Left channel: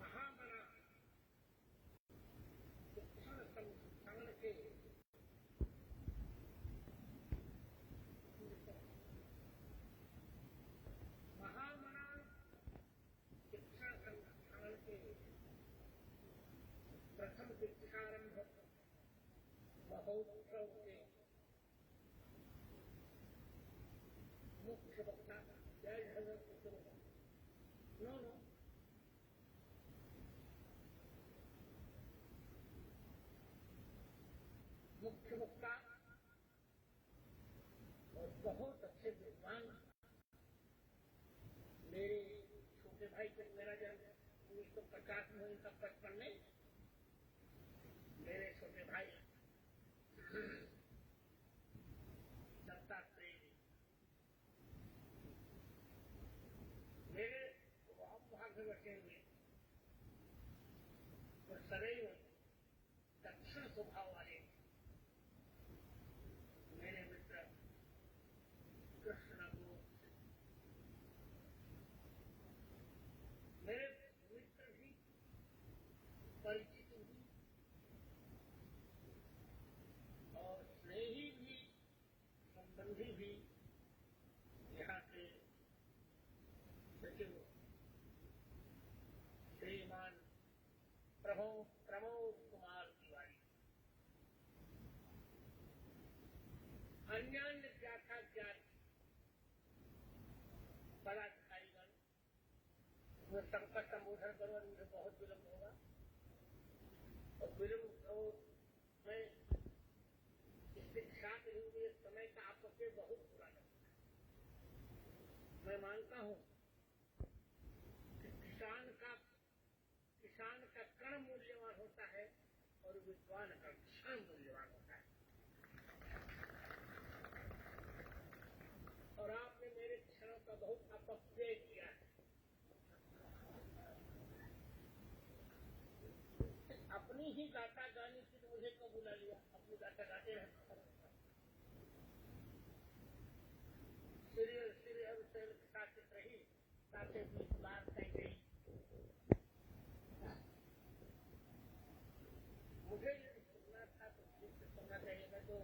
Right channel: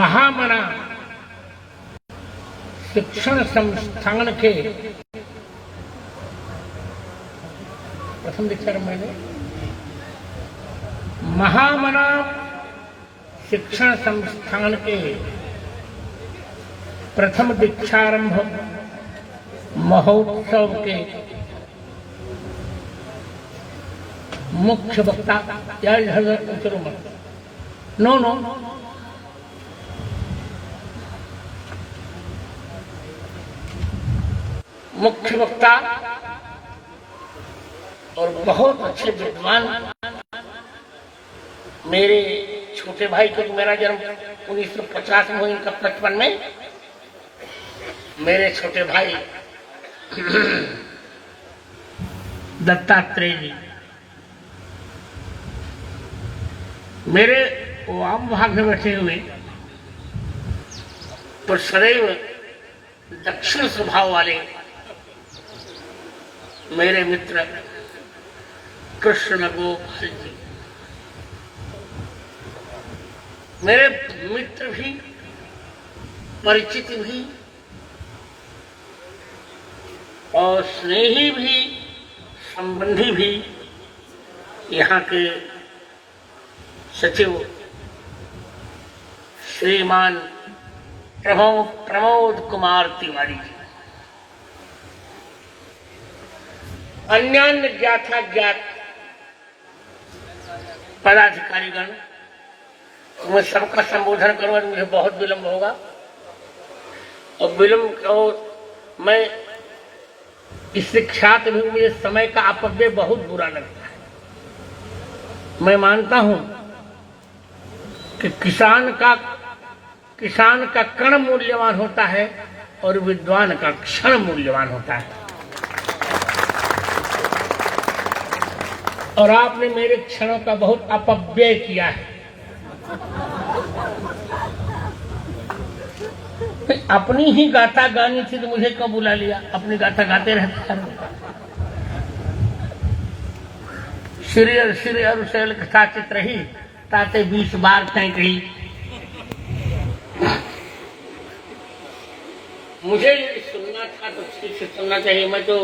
महामना शिक्षण संस्थान के प्रथम दीक्षारंभ मैंने महामना शिक्षण संस्थान के प्रथम दीक्षारंभ महोत्सव के मुख्य वक्ता नो मुख्य वक्ता और बहुत अच्छे विद्वान मेरे छोटे भाई, क्योंकि मेरा जन्म 1950 में हुआ, इनका 55 में। मेरे छोटे भाई दत्तात्रेय जी मेरे वाम भाग में बैठे हुए, तो सदैव दक्षिण स्वभाव वाले मेरे मित्र कृष्ण गोपाल जी, मेरे मित्र भी, परिचित भी और स्नेही भी, संबंधी भी, यहाँ के सचिव श्रीमान प्रमोद कुमार तिवारी जी, अन्य ज्ञात पदाधिकारीगण, मैं सबका संबोधन करूंगा तो मुझे बहुत विलंब होगा, और मैं इससे ख्यात भी, मुझे समय का अपव्यय बहुत बुरा लगता है। मैं मानता हूं कि किसान का कण मूल्यवान होता है और विद्वान का क्षण मूल्यवान होता है, और आपने मेरे क्षणों का बहुत अपव्यय किया है। अपनी ही गाथा गानी थी तो मुझे क्यों बुला लिया? अपनी गाथा गाते रहते हैं। श्री अरुशैल कथा चित्र ही ताते 20 बार तय कही। मुझे सुनना था तो ठीक से सुनना चाहिए। मैं तो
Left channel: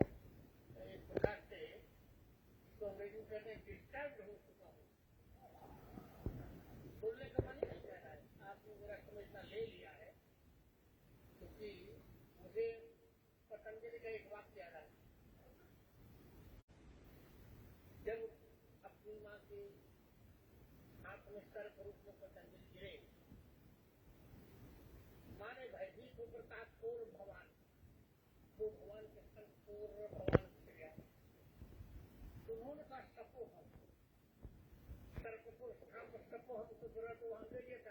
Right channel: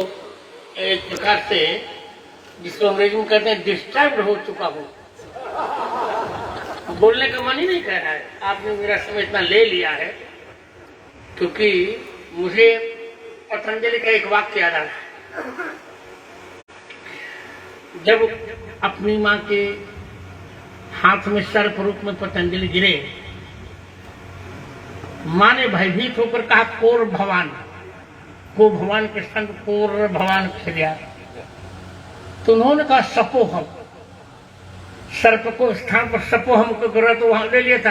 एक प्रकार से, जिसको अंग्रेजी में कहते हैं, डिस्टर्ब हो चुका हूँ। बोलने का मन ही नहीं कर रहा है। आपने मेरा समय इतना ले लिया है, क्योंकि मुझे पतंजलि का एक वाक्य याद आ रहा है। जब अपनी माँ के हाथ में सर्प रूप में पतंजलि गिरे, माँ ने भयभीत होकर कहा, कोर भवान, को भगवान के संग कोर भवान खिलिया। तो उन्होंने कहा सपोहम, सर्प को स्थान पर सपोहम को करा, तो वहां ले लिया था।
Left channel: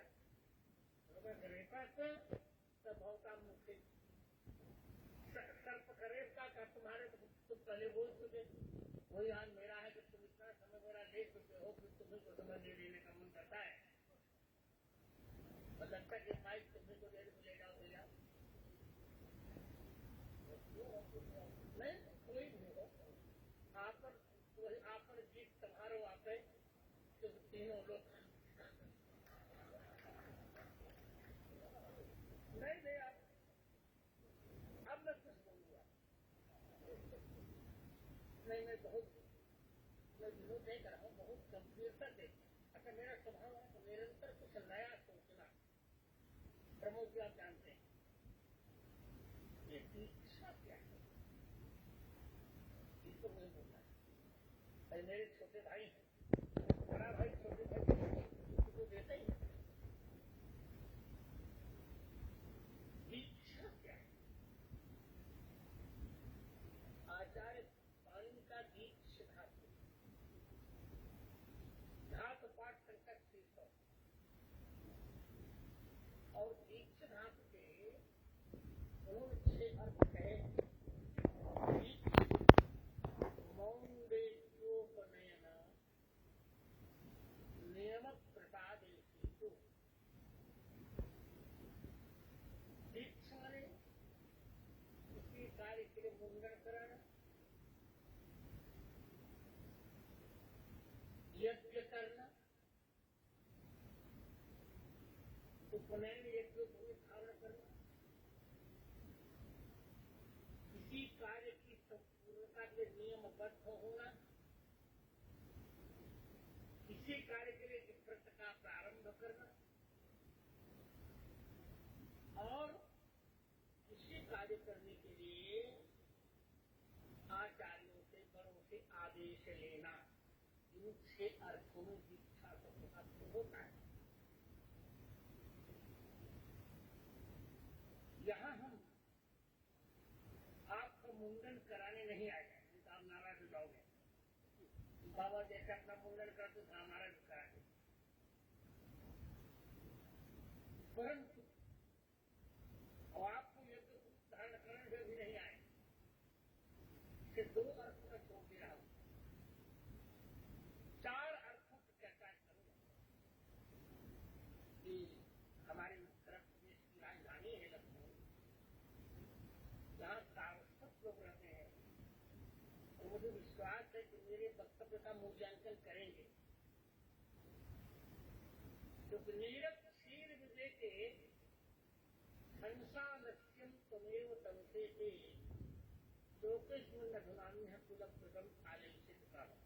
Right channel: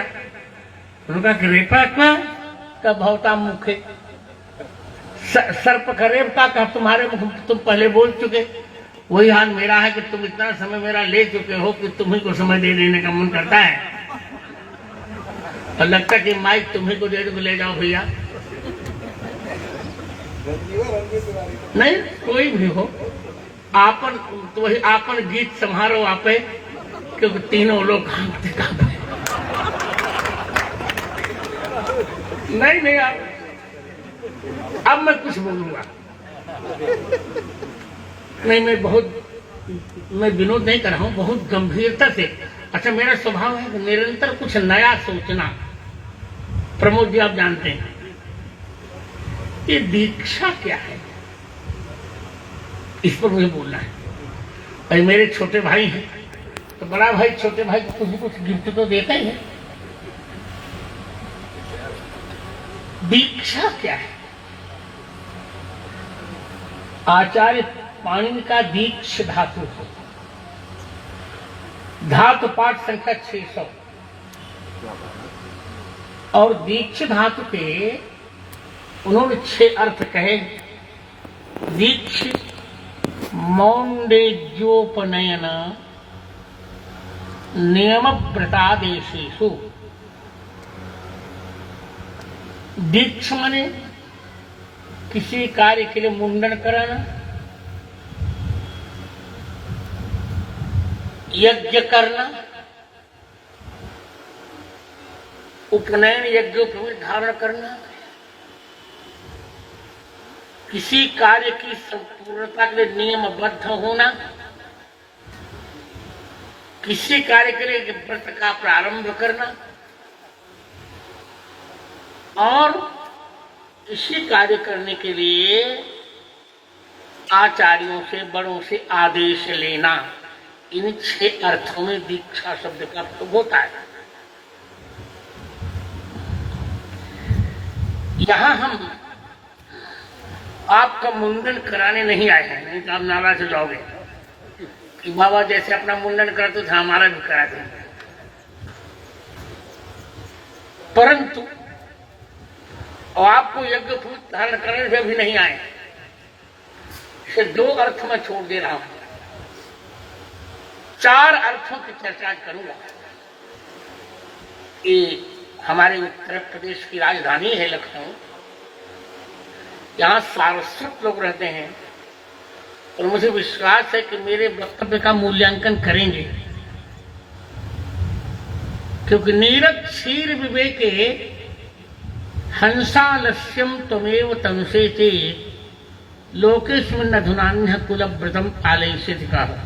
उन्होंने कहा कि रेपात्मा का भवता मुखे, सर्प का रेपता का तुम्हारे मुख, तुम पहले बोल चुके। वही हाल मेरा है कि तुम इतना समय मेरा ले चुके हो कि तुम्ही को समय दे देने का मन करता है, और लगता कि माइक तुम्ही को दे दो, ले जाओ भैया। नहीं, कोई भी हो, आपन तो वही आपन गीत संहारो आपे, क्योंकि तीनों लोग नहीं अब मैं कुछ बोलूंगा नहीं, मैं विनोद नहीं कर रहा हूं, बहुत गंभीरता से। अच्छा, मेरा स्वभाव है कि निरंतर कुछ नया सोचना। प्रमोद जी, आप जानते हैं ये दीक्षा क्या है, इस पर मुझे बोलना है। भाई मेरे छोटे भाई हैं, तो बड़ा भाई छोटे भाई को कुछ गिफ्ट तो देता ही है। दीक्षा क्या है? आचार्य पाणिनि का दीक्ष धातु है, धातु पाठ संख्या 600, और दीक्ष धातु के उन्होंने 6 अर्थ कहे। दीक्ष मौंडेज्योपनयन नियम व्रतादेशेषु। दीक्ष माने किसी कार्य के लिए मुंडन कराना, यज्ञ करना, उपनयन यज्ञोपवीत धारण करना, किसी कार्य की संपूर्णता के लिए नियमबद्ध होना, किसी कार्य के लिए व्रत का प्रारंभ करना और इसी कार्य करने के लिए आचार्यों से, बड़ों से आदेश लेना, इन 6 अर्थों में दीक्षा शब्द का प्रयोग होता है। यहां हम आपका मुंडन कराने नहीं आए हैं, नहीं तो आप नाराज हो जाओगे कि बाबा जैसे अपना मुंडन करते थे हमारा भी करा दें। परंतु और आपको यज्ञ धारण करने से भी नहीं आए, इसे 2 अर्थ में छोड़ दे रहा हूं, 4 अर्थों की चर्चा करूंगा। ये हमारे उत्तर प्रदेश की राजधानी है लखनऊ, यहाँ सारस्वत लोग रहते हैं और मुझे विश्वास है कि मेरे वक्तव्य का मूल्यांकन करेंगे, क्योंकि नीरज क्षीर विवेके हंसालस्यम त्वमेव तंसेते लोकेस्मिन् अधुनान्यः कुलव्रतम आलयिष्यति कहा।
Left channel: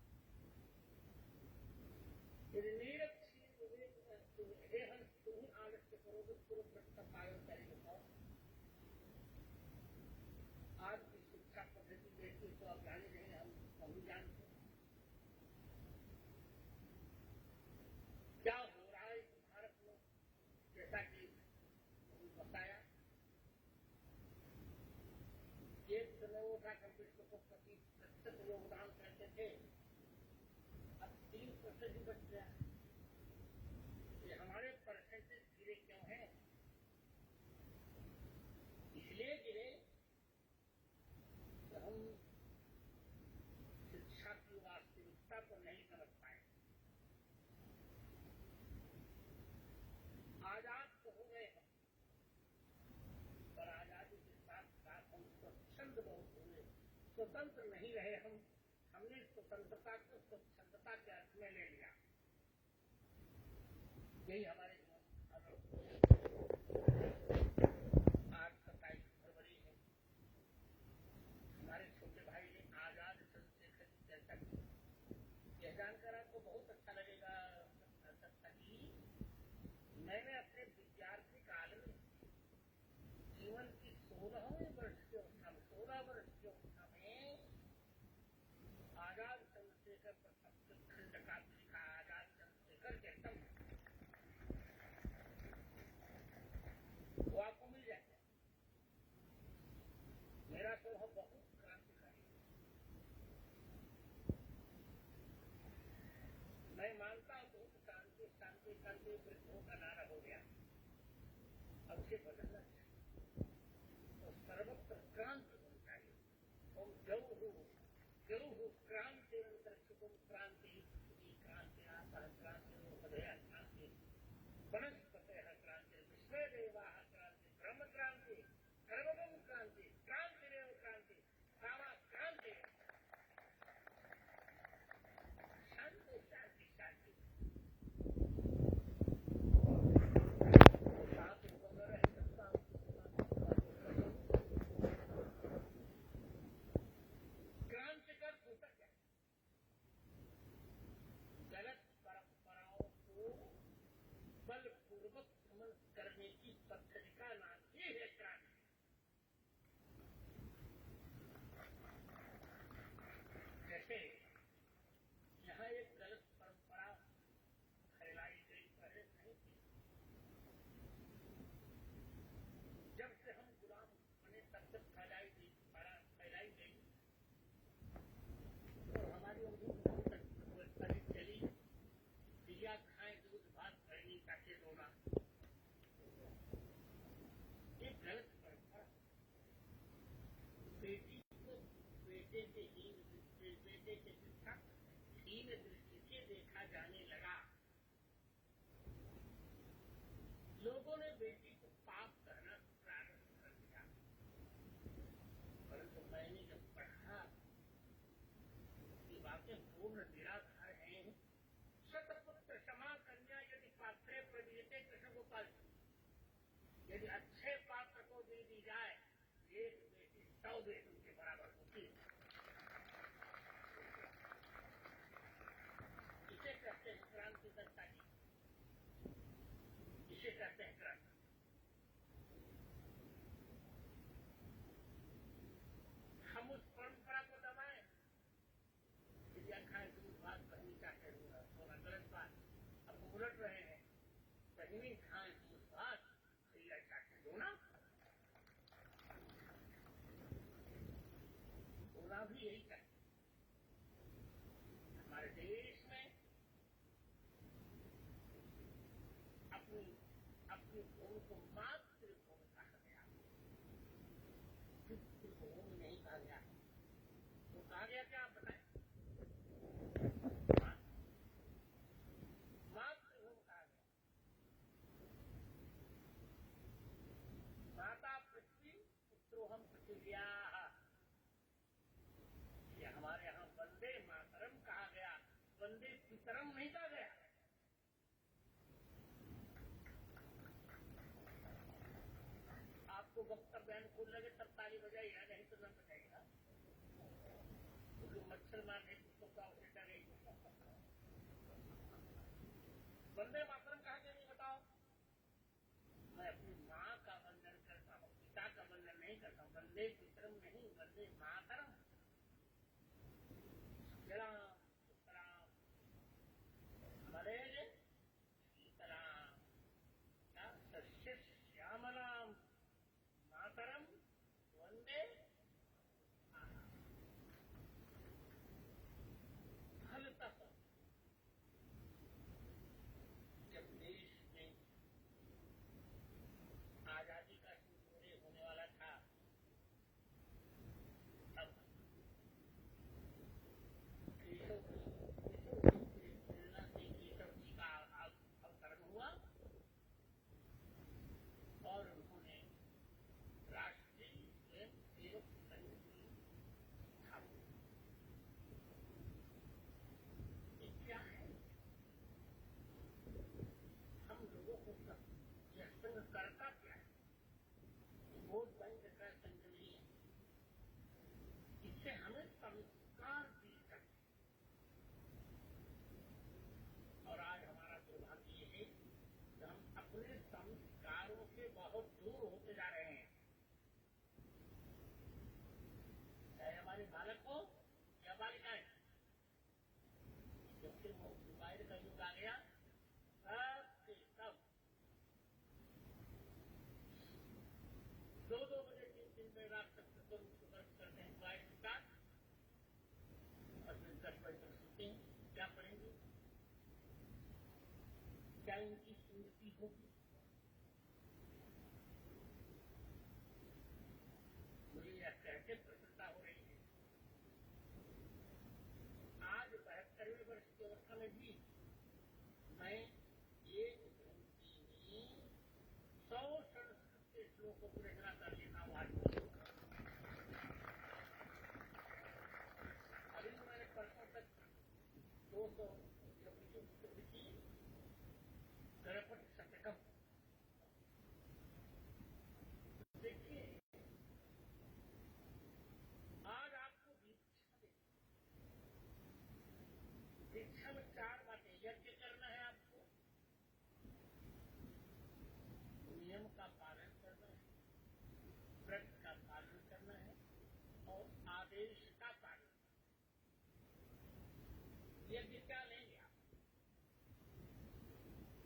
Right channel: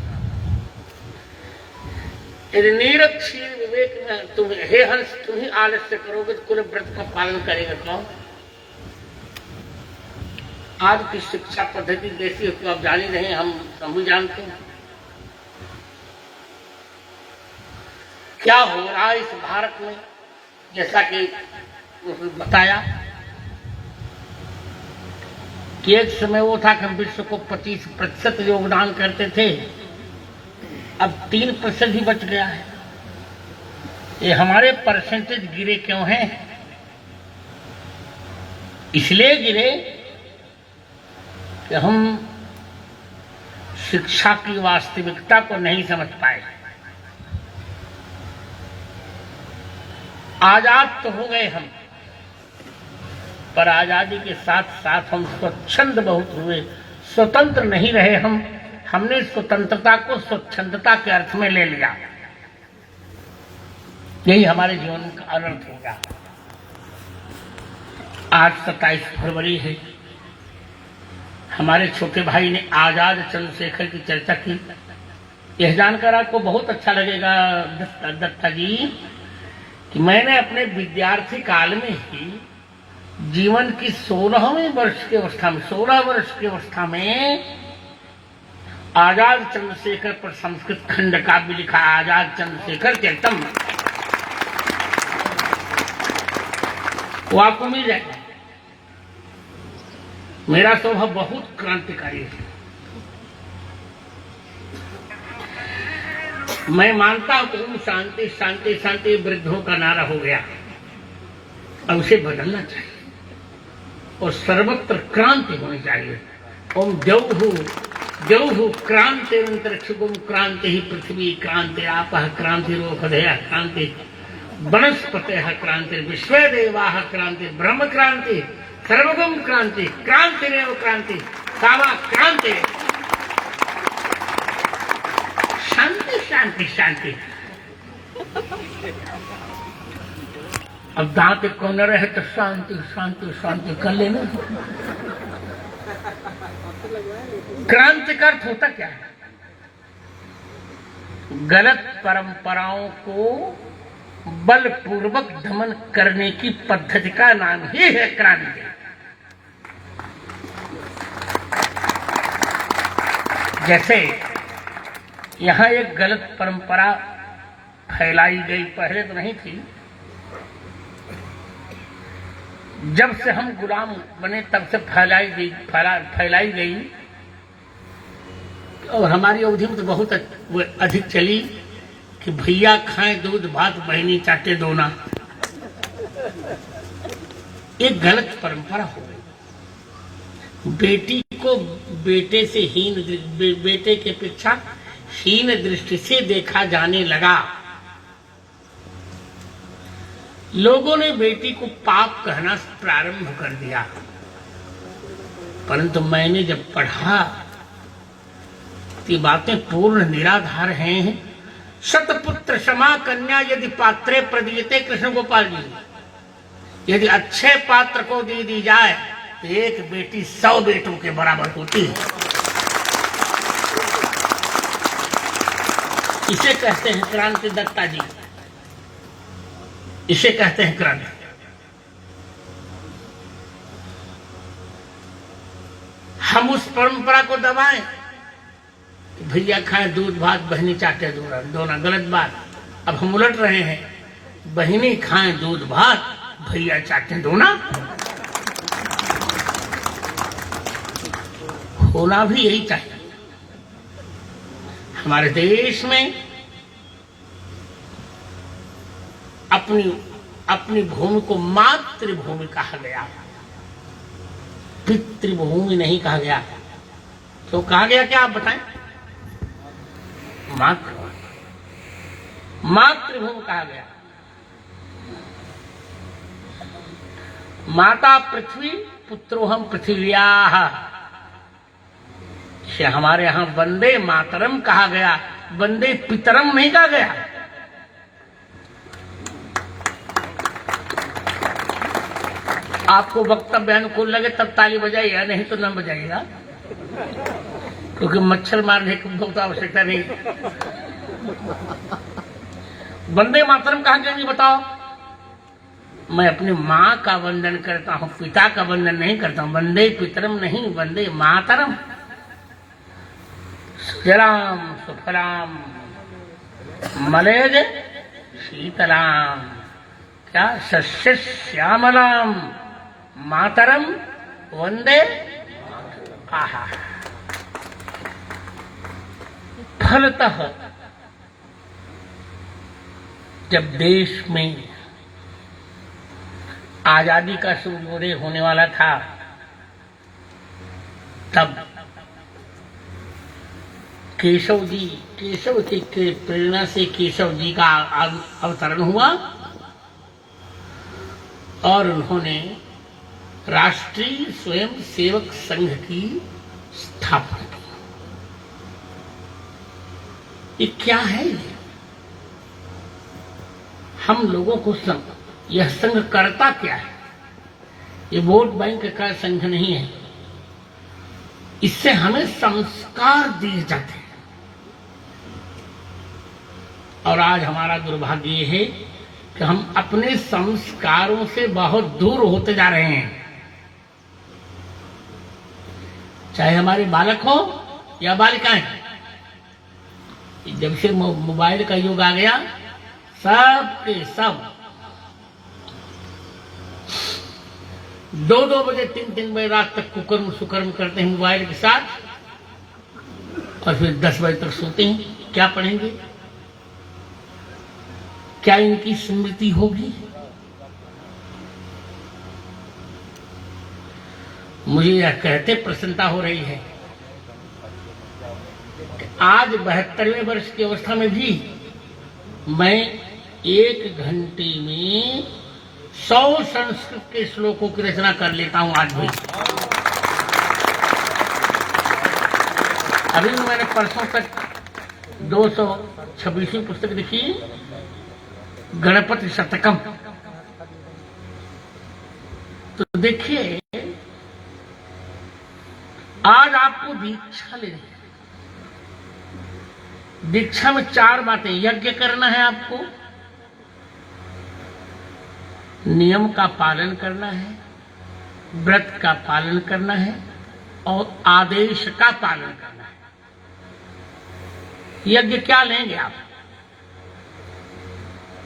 यदि नीरज क्षीर विवेक में तुम हे हंस तुम ही आलस्य करोगे तो कुलव्रत का पालन करेगा कौन? आज की शिक्षा पद्धति कैसी है तो आप जान ही नहीं, हम भी जानते हैं क्या हो रहा है इस भारत में। जैसा कि बताया कि एक समय वो था कि हम विश्व को 25% योगदान करते थे, अब 3% ही बच गया है। ये हमारे परसेंटेज गिरे क्यों हैं? इसलिए गिरे कि हम शिक्षा की वास्तविकता को नहीं समझ पाए। आजाद तो हो गए हम, पर आजादी के साथ साथ हम स्वच्छंद बहुत हुए, स्वतंत्र नहीं रहे हम। हमने स्वतंत्रता को स्वच्छंदता के अर्थ में ले लिया, यही हमारे जीवन का अनर्थ होगा। आज 27 फरवरी है, हमारे छोटे भाई ने आजाद चंद्रशेखर की चर्चा की। यह जानकर आपको बहुत अच्छा लगेगा दत्ता जी कि मैंने अपने विद्यार्थी काल में ही जीवन की 16 वर्ष की अवस्था में आजाद चंद्रशेखर पर संस्कृत खंड काव्य लिखा, आजाद चंद्रशेखर चरितम, वो आपको मिल जाएगा। मेरा स्वभाव बहुत क्रांतिकारी है। मैं मानता हूं कि शांति शांति शांति वृद्धों का नारा हो गया, अब उसे बदलना चाहिए और सर्वत्र क्रांति होनी चाहिए। ओम द्यौः द्यौः क्रांतिरंतरिक्षगुम क्रांति ही पृथ्वी क्रांति आपः क्रांतिरोपधयः क्रांति वनस्पतयः क्रांति विश्वदेवाः क्रांति ब्रह्म क्रांति सर्वगम क्रांति क्रांतिरेव क्रांति सावा क्रांति। शांति शांति शांति। अब दांत को न रहे तो शांति शांति शांति कर लेना। क्रांति का अर्थ होता क्या है? गलत परंपराओं को बलपूर्वक दमन करने की पद्धति का नाम ही है क्रांति। जैसे यहां एक गलत परंपरा फैलाई गई, पहले तो नहीं थी, जब से हम गुलाम बने तब से फैलाई गई और हमारी अवधि में तो बहुत अधिक चली कि भैया खाएं दूध भात बहनी चाटे दोना। एक गलत परंपरा हो गई। बेटी को बेटे से बेटे के अपेक्षा हीन दृष्टि से देखा जाने लगा। लोगों ने बेटी को पाप कहना प्रारंभ कर दिया। परंतु मैंने जब पढ़ा ये बातें पूर्ण निराधार हैं। शतपुत्र क्षमा कन्या यदि पात्रे प्रदीयते, कृष्ण गोपाल जी यदि अच्छे पात्र को दे दी जाए तो एक बेटी 100 बेटों के बराबर होती है। इसे कहते हैं क्रांति दत्ता जी, इसे कहते हैं क्रांति। हम उस परंपरा को दबाएं, भैया खाएं दूध भात, बहनी चाटे दोना, गलत बात। अब हम उलट रहे हैं, बहनी खाएं दूध भात, भैया चाटे दोना। होना भी यही चाहिए। हमारे देश में अपनी भूमि को मातृभूमि कहा गया, पितृभूमि नहीं कहा गया। तो कहा गया क्या, आप बताएं? मातृभूमि कहा गया। माता पृथ्वी पुत्रोहम पृथिव्याः, हमारे यहां वंदे मातरम कहा गया, वंदे पितरम नहीं कहा गया। आपको वक्तव्य अनुकूल लगे तब ताली बजाइए, नहीं तो न बजाइएगा, क्योंकि मच्छर मारने की बहुत आवश्यकता नहीं। वंदे मातरम कहा गया, बताओ। मैं अपनी मां का वंदन करता हूं, पिता का वंदन नहीं करता हूं। वंदे पितरम नहीं, वंदे मातरम। सुजलाम सुफलाम मलेज शीतलाम, क्या सस्य श्यामलाम मातरम वंदे। आहा, फलतः जब देश में आजादी का सूर्योदय होने वाला था, तब केशव जी के प्रेरणा से केशव जी का अवतरण हुआ और उन्होंने राष्ट्रीय स्वयं सेवक संघ की स्थापना की। ये क्या है? हम लोगों को यह संघ करता क्या है? ये वोट बैंक का संघ नहीं है। इससे हमें संस्कार दिए जाते हैं। और आज हमारा दुर्भाग्य ये है कि हम अपने संस्कारों से बहुत दूर होते जा रहे हैं। चाहे हमारे बालक हो या बालिकाएं, जब से मोबाइल का युग आ गया, सब के सब 2-2 बजे 3-3 बजे रात तक कुकर्म सुकर्म करते हैं मोबाइल के साथ, और फिर 10 बजे तक सोते हैं। क्या पढ़ेंगे? क्या इनकी स्मृति होगी? मुझे यह कहते प्रसन्नता हो रही है कि आज 72वें वर्ष की अवस्था में भी मैं 1 घंटे में 100 संस्कृत के श्लोकों की रचना कर लेता हूं। आज भी अभी मैंने परसों तक 226वीं पुस्तक लिखी, गणपति शतकम। तो देखिए, आज आपको दीक्षा लेनी है। दीक्षा में 4 बातें। यज्ञ करना है आपको, नियम का पालन करना है, व्रत का पालन करना है और आदेश का पालन करना है। यज्ञ क्या लेंगे आप?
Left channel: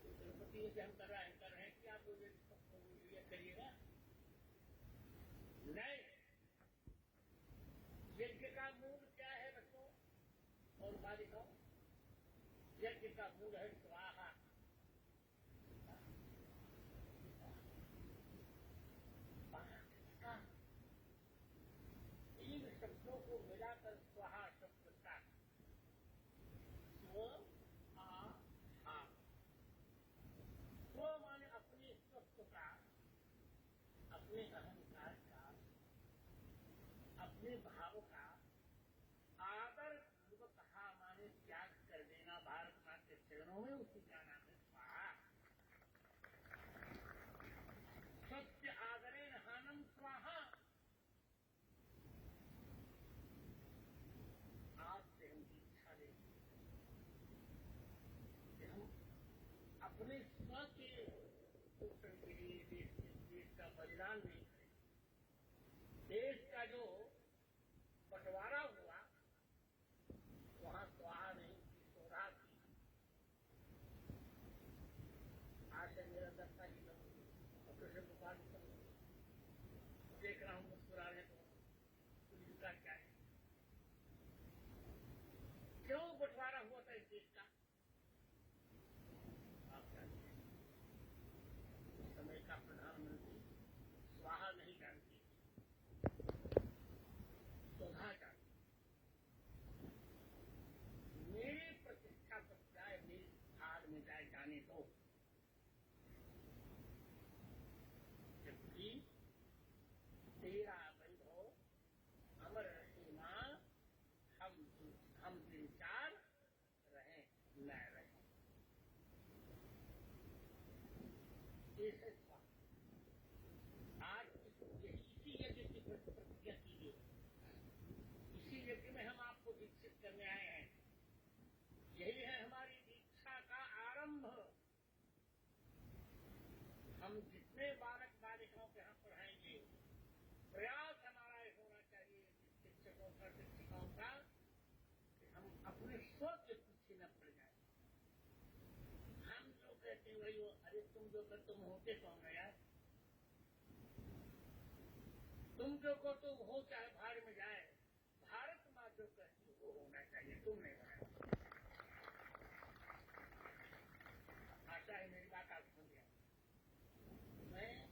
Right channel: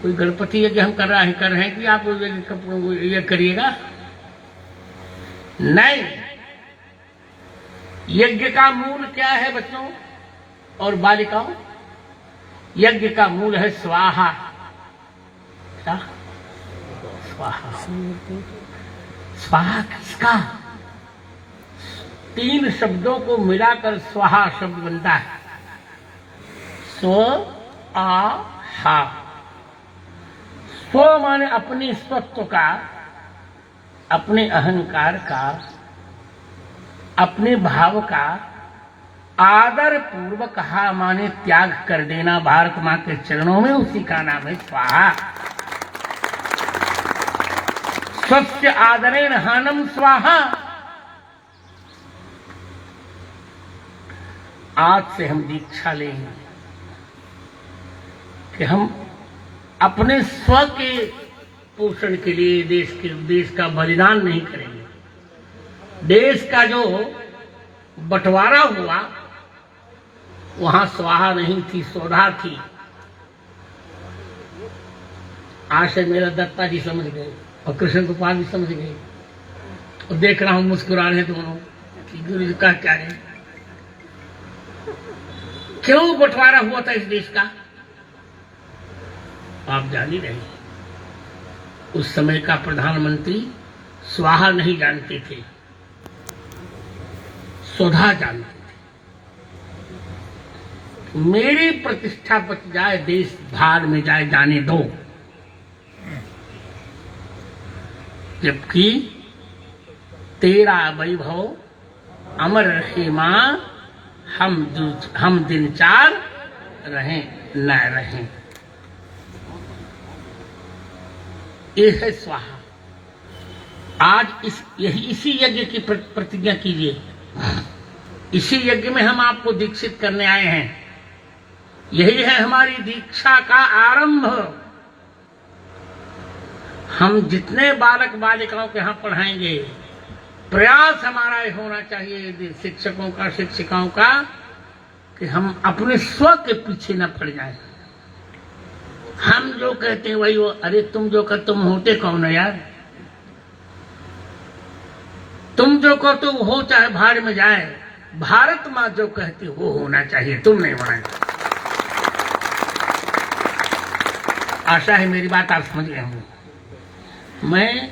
कोई गणपति यज्ञ हम कर रहे हैं कि आप यज्ञ करिएगा? नहीं। यज्ञ का मूल क्या है बच्चों और बालिकाओं? यज्ञ का मूल है स्वाहा। क्या? स्वाहा। स्वाहा किसका? 3 शब्दों को मिलाकर स्वाहा शब्द बनता है। स्व आ हा। स्व माने अपने स्वत्व का, अपने अहंकार का, अपने भाव का आदर पूर्वक हा माने त्याग कर देना भारत मां के चरणों में, उसी का नाम है स्वाहा। स्वस्य आदरेण हानम स्वाहा। आज से हम दीक्षा लेंगे कि हम अपने स्व के पोषण के लिए देश का बलिदान नहीं करेंगे। देश का जो बंटवारा हुआ वहां स्वाहा नहीं थी, स्वधा थी। आज से मेरा दत्ता जी समझ गए और कृष्ण गोपाल भी समझ गए और देख रहा हूं मुस्कुरा रहे दोनों कि गुरु जी का क्या है, क्यों बंटवारा हुआ था इस देश का आप जान ही रहे। उस समय का प्रधानमंत्री स्वाहा नहीं जानते थे, स्वधा जानते थे। मेरी प्रतिष्ठा बच जाए, देश भाड़ में जाए, जाने दो। जबकि तेरा वैभव अमर रहे मां, हम दिन चार रहें न रहें। ये है स्वाहा। आज इसी यज्ञ की प्रतिज्ञा कीजिए। इसी यज्ञ में हम आपको दीक्षित करने आए हैं। यही है हमारी दीक्षा का आरंभ। हम जितने बालक बालिकाओं के यहाँ पढ़ाएंगे, प्रयास हमारा ये होना चाहिए शिक्षकों का, शिक्षिकाओं का, कि हम अपने स्व के पीछे न पड़ जाएं। हम जो कहते हैं वही वो। अरे तुम जो कहते तुम होते कौन है यार? तुम जो कहते हो चाहे भाड़ में जाए। भारत माँ जो कहती वो होना चाहिए, तुम नहीं होना। आशा है मेरी बात आप समझ गए होंगे। मैं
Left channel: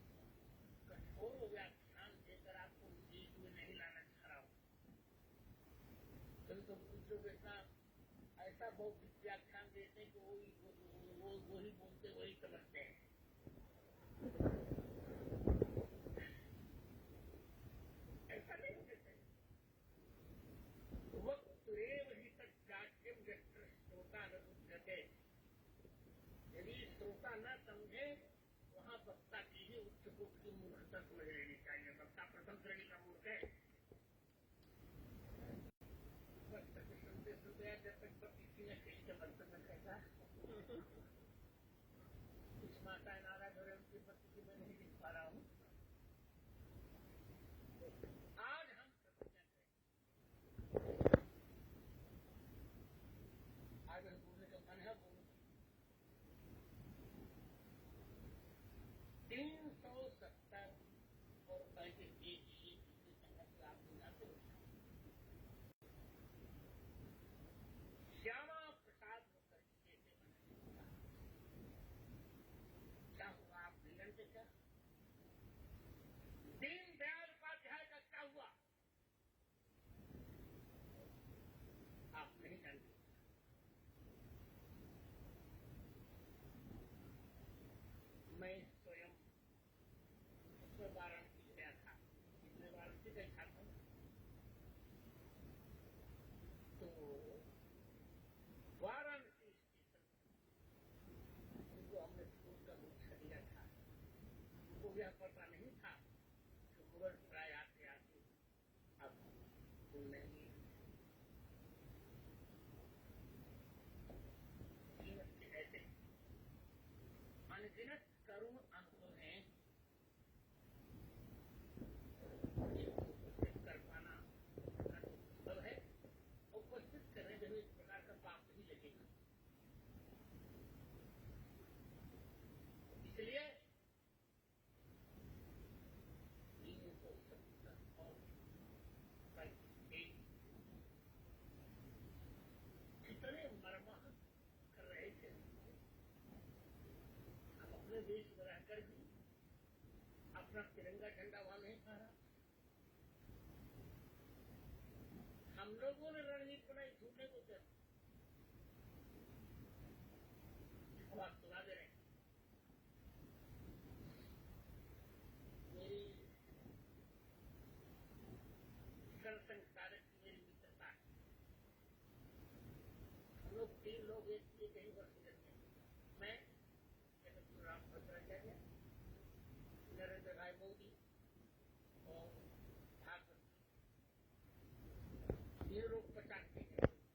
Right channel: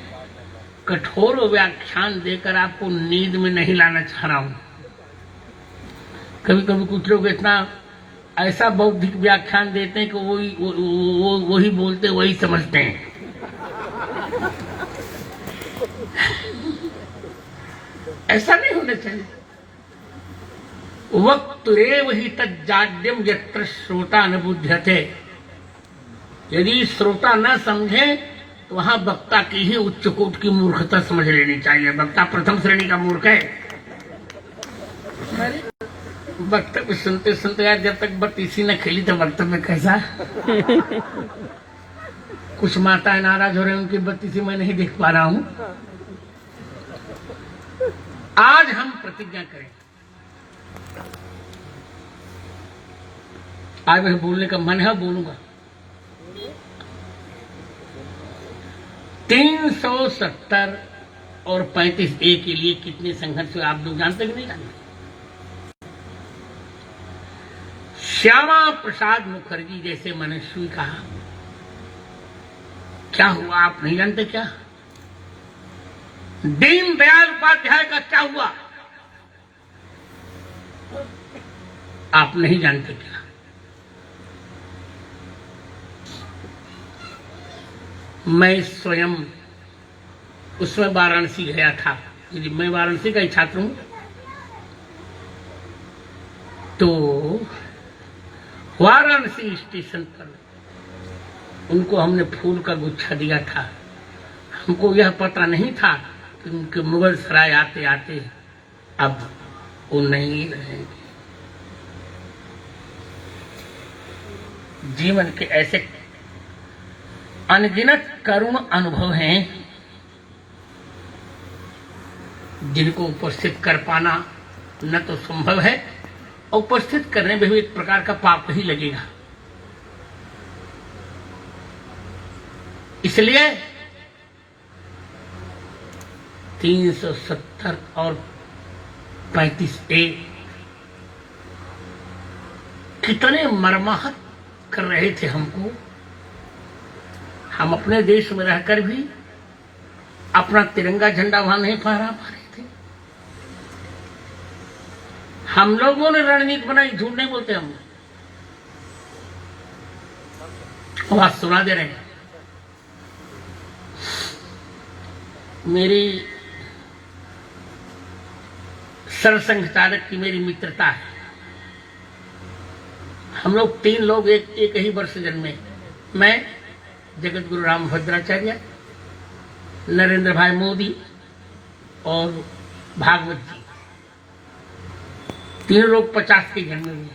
कठोर व्याख्यान देकर आपको नींद में नहीं लाना चाह रहा हूं। कभी कभी कुछ लोग इतना ऐसा बौद्धिक व्याख्यान देते हैं कि वही बोलते वही समझते हैं। ऐसा नहीं होना चाहिए। वक्तुरेव हि तज्जाड्यम यत्र श्रोता न बुध्यते। यदि श्रोता न समझे तो वहां वक्ता की ही उच्च कोट की मूर्खता समझ लेनी चाहिए। वक्ता प्रथम श्रेणी का मूर्ख है। वक्तव्य सुनते सुनते यार, जब तक बत्तीसी न खेली तो वक्तव्य कैसा। कुछ माताएं नाराज हो रही, उनकी बत्तीसी मैं नहीं देख पा रहा हूं। आज हम प्रतिज्ञा करें। आज मुझे बोलने का मन है, बोलूंगा। 370 और 35A के लिए कितने संघर्ष हुए आप लोग जानते कि नहीं जानते? श्यामा प्रसाद मुखर्जी जैसे मनस्वी का क्या हुआ आप नहीं जानते क्या? दीन दयाल उपाध्याय का क्या हुआ आप नहीं जानते क्या? मैं स्वयं उसमें वाराणसी गया था। यदि मैं वाराणसी का ही छात्र हूं, तो वाराणसी स्टेशन पर उनको हमने फूल का गुच्छा दिया था। हमको यह पता नहीं था कि उनके मुगल सराय आते आते अब वो नहीं रहेंगे। जीवन के ऐसे अनगिनत करुण अनुभव हैं जिनको उपस्थित कर पाना न तो संभव है, और उपस्थित करने में भी एक प्रकार का पाप ही लगेगा। इसलिए 370 और 35A कितने मर्माहत कर रहे थे हमको। हम अपने देश में रहकर भी अपना तिरंगा झंडा वहां नहीं फहरा पा रहे थे। हम लोगों ने रणनीति बनाई, झूठ नहीं बोलते हम। आवाज सुना दे रहे हैं। मेरी सरसंघ चालक की मेरी मित्रता है। हम लोग 3 लोग एक ही वर्ष जन्मे। मैं, जगत गुरु राम भद्राचार्य, नरेंद्र भाई मोदी और भागवत जी, तीन लोग 50 के जन्मे हुए।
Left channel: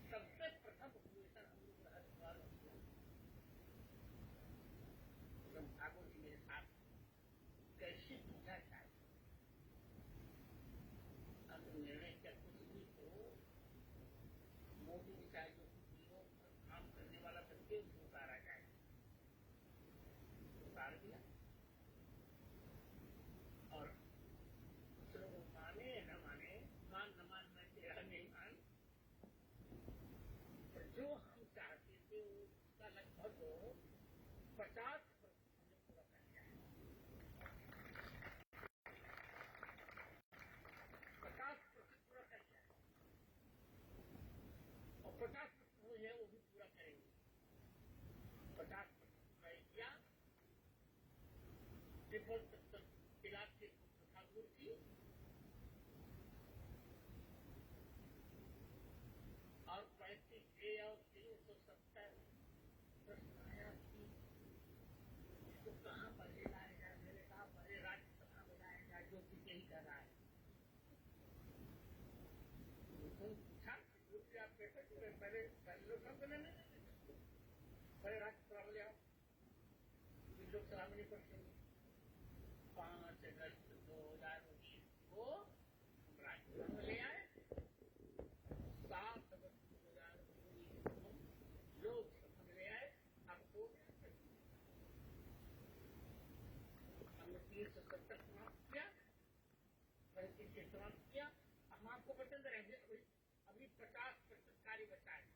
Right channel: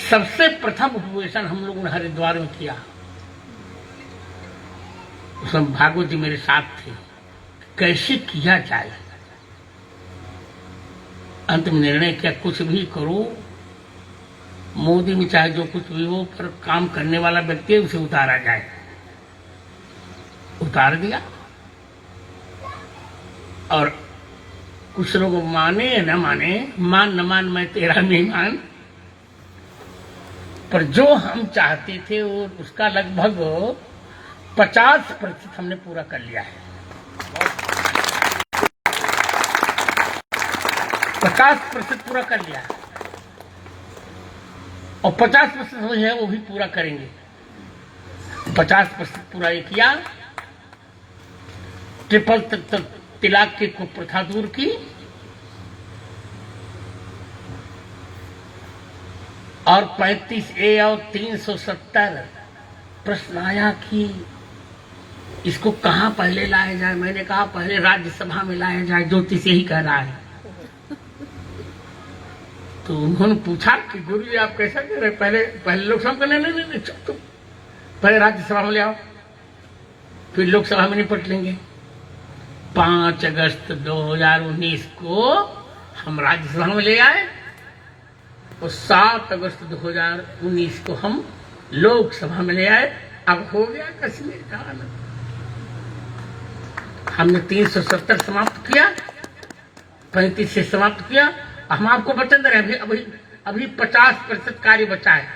सबसे प्रथम उपवेशन हम लोगों ने हरिद्वार में किया, उसमें भागवत जी मेरे साथ थे। कैसे किया जाए, अंत में निर्णय किया कुछ भी करो, मोदी में चाहे जो कुछ भी हो, पर काम करने वाला व्यक्ति है उसे उतारा जाए। उतार दिया, और कुछ लोग माने या न माने, मान न मान मैं तेरा मेहमान, पर जो हम चाहते थे वो उसका लगभग 50% हमने पूरा कर लिया है। 50% पूरा कर लिया है, और 50% जो है वो भी पूरा करेंगे। 50% पूरा ये किया, ट्रिपल तिलाक की कुप्रथा दूर की, और 35A और 370 प्रश्न आया कि इसको कहां पहले लाया जाए। मैंने कहा पहले राज्यसभा में लाया जाए, ज्योतिष यही कह रहा है। तो उन्होंने पूछा कि गुरु जी आप कैसा कह रहे, पहले लोकसभा में, नहीं चुप, पहले राज्यसभा में ले आओ, फिर लोकसभा में निपट लेंगे। 5 अगस्त 2019 को हम राज्यसभा में ले आए, और 7 अगस्त 2019 को हम लोकसभा में ले आए। अब हो गया कश्मीर का आनंद। हमने 370 समाप्त किया, 35 से समाप्त किया। हम आपको वचन दे रहे हैं, अभी 50% कार्य बचा है।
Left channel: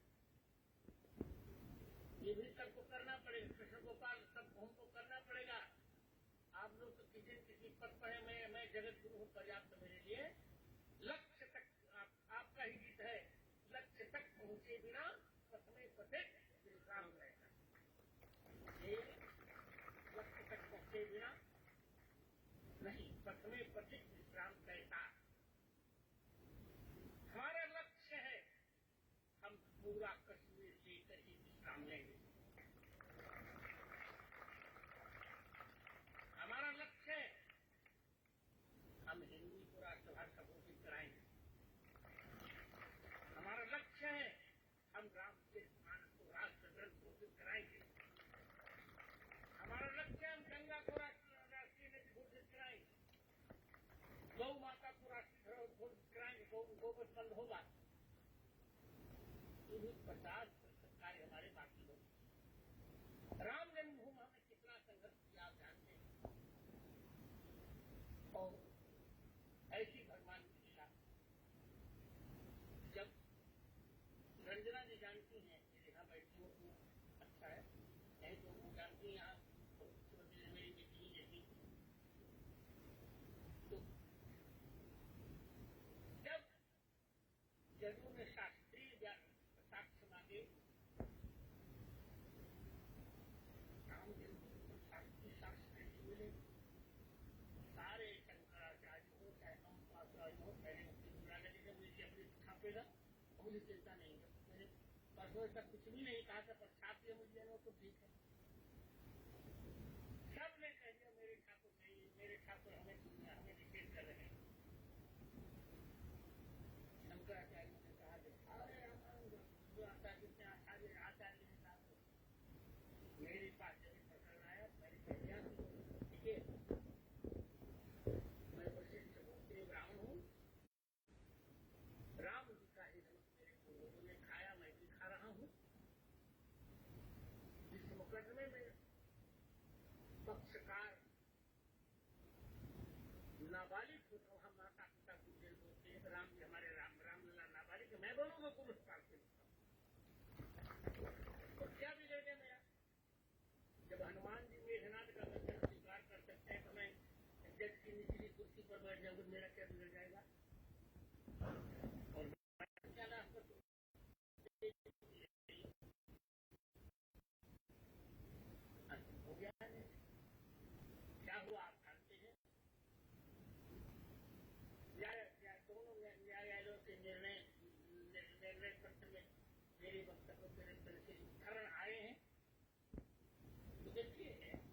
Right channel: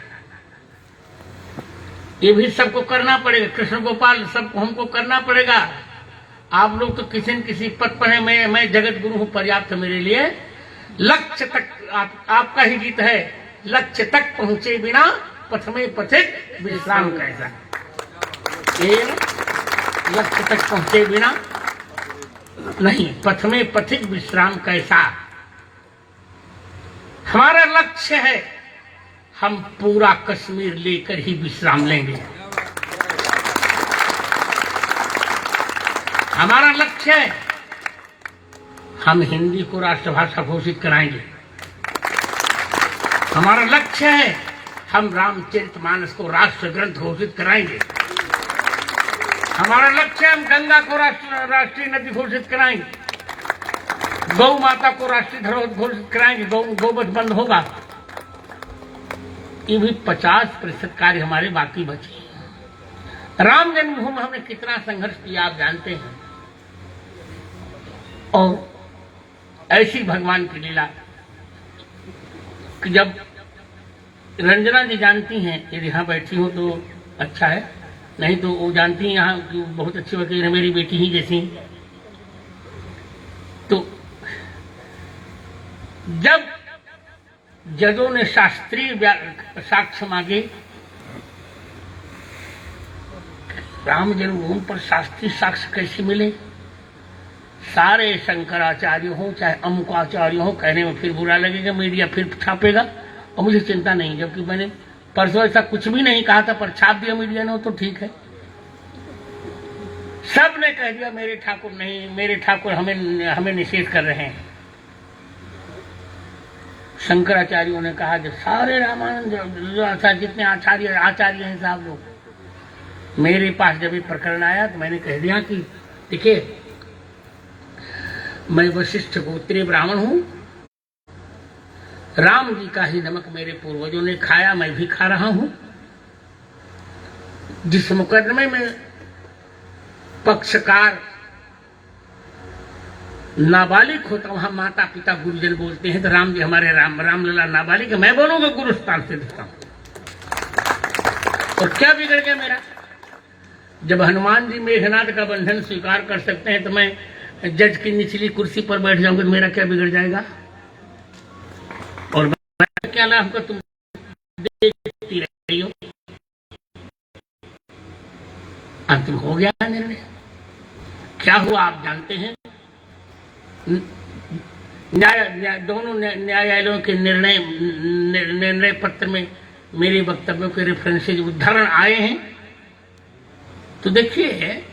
ये भी सबको करना पड़ेगा, कृष्ण गोपाल सबको हमको करना पड़ेगा। आप लोग तो किसी न किसी पद पर है, मैं जगत गुरु हूं, पर्याप्त मेरे लिए। लक्ष्य तक आपका ही गीत है, लक्ष्य तक पहुंचे बिना पथ में पथिक विश्राम कैसा। ये लक्ष्य तक पहुंचे बिना नहीं, पथ में पथिक विश्राम कैसा। हमारा लक्ष्य है, हम पूरा कश्मीर लेकर ही विश्राम लेंगे। हमारा लक्ष्य है, हम हिंदी को राष्ट्रभाषा घोषित कराएंगे। हमारा लक्ष्य है, हम रामचरितमानस को राष्ट्र ग्रंथ घोषित कराएंगे। हमारा लक्ष्य है, हम गंगा को राष्ट्रीय नदी घोषित कराएंगे। गौ माता को राष्ट्रीय धरोहर घोषित कराएंगे, गौवध बंद होगा। ये भी 50% कार्य हमारे बाकी बचे। राम जन्मभूमि में हमने कितना संघर्ष किया आप जानते हैं, और ऐसी भगवान की लीला कि जब रंजना जी जानती हैं, यदि यहाँ बैठी हो तो अच्छा है, नहीं तो वो जानती हैं यहाँ कि बहुत अच्छी वकील है, मेरी बेटी ही जैसी। तो जब जजों ने शास्त्रीय साक्ष्य मांगे, राम जन्मभूमि पर शास्त्रीय साक्ष्य कैसे मिले, सारे शंकराचार्य हो चाहे अमुकाचार्य हो, कहने में फिर बुरा लगेगा, मीडिया फिर छापेगा, और मुझे चिंता नहीं, जबकि मैंने परसों ऐसा कुछ भी नहीं कहा था, पर छाप दिया मीडिया ने, तो ठीक है। सब ने कह दिया मेरे ठाकुर नहीं, मेरे ठाकुर हमें निषेध कर रहे हैं। शंकराचार्यों ने कहा जब सारे रामानंद जितने आचार्य हैं साहब लोग, मेरे पास जब ये प्रकरण आया तो मैंने कह दिया कि देखिए, मैं वशिष्ठ गोत्रीय ब्राह्मण हूं, राम जी का ही नमक मेरे पूर्वजों ने खाया, मैं भी खा रहा हूं। जिस मुकदमे में पक्षकार नाबालिग होता, वहां माता पिता गुरुजन बोलते हैं, तो राम जी हमारे रामलला नाबालिग, मैं बोलूंगा गुरु स्थान से देता हूं। और क्या बिगड़ गया मेरा? जब हनुमान जी मेघनाथ का बंधन स्वीकार कर सकते हैं, तो मैं जज की निचली कुर्सी पर बैठ जाऊंगा, तो मेरा क्या बिगड़ जाएगा? और क्या लाभ का तुम देखती रही हो। अंतिम हो गया निर्णय। क्या हुआ आप जानते हैं। दोनों न्यायालयों के निर्णय पत्र में मेरे वक्तव्यों के रेफरेंसेज उदाहरण आए हैं। तो देखिए,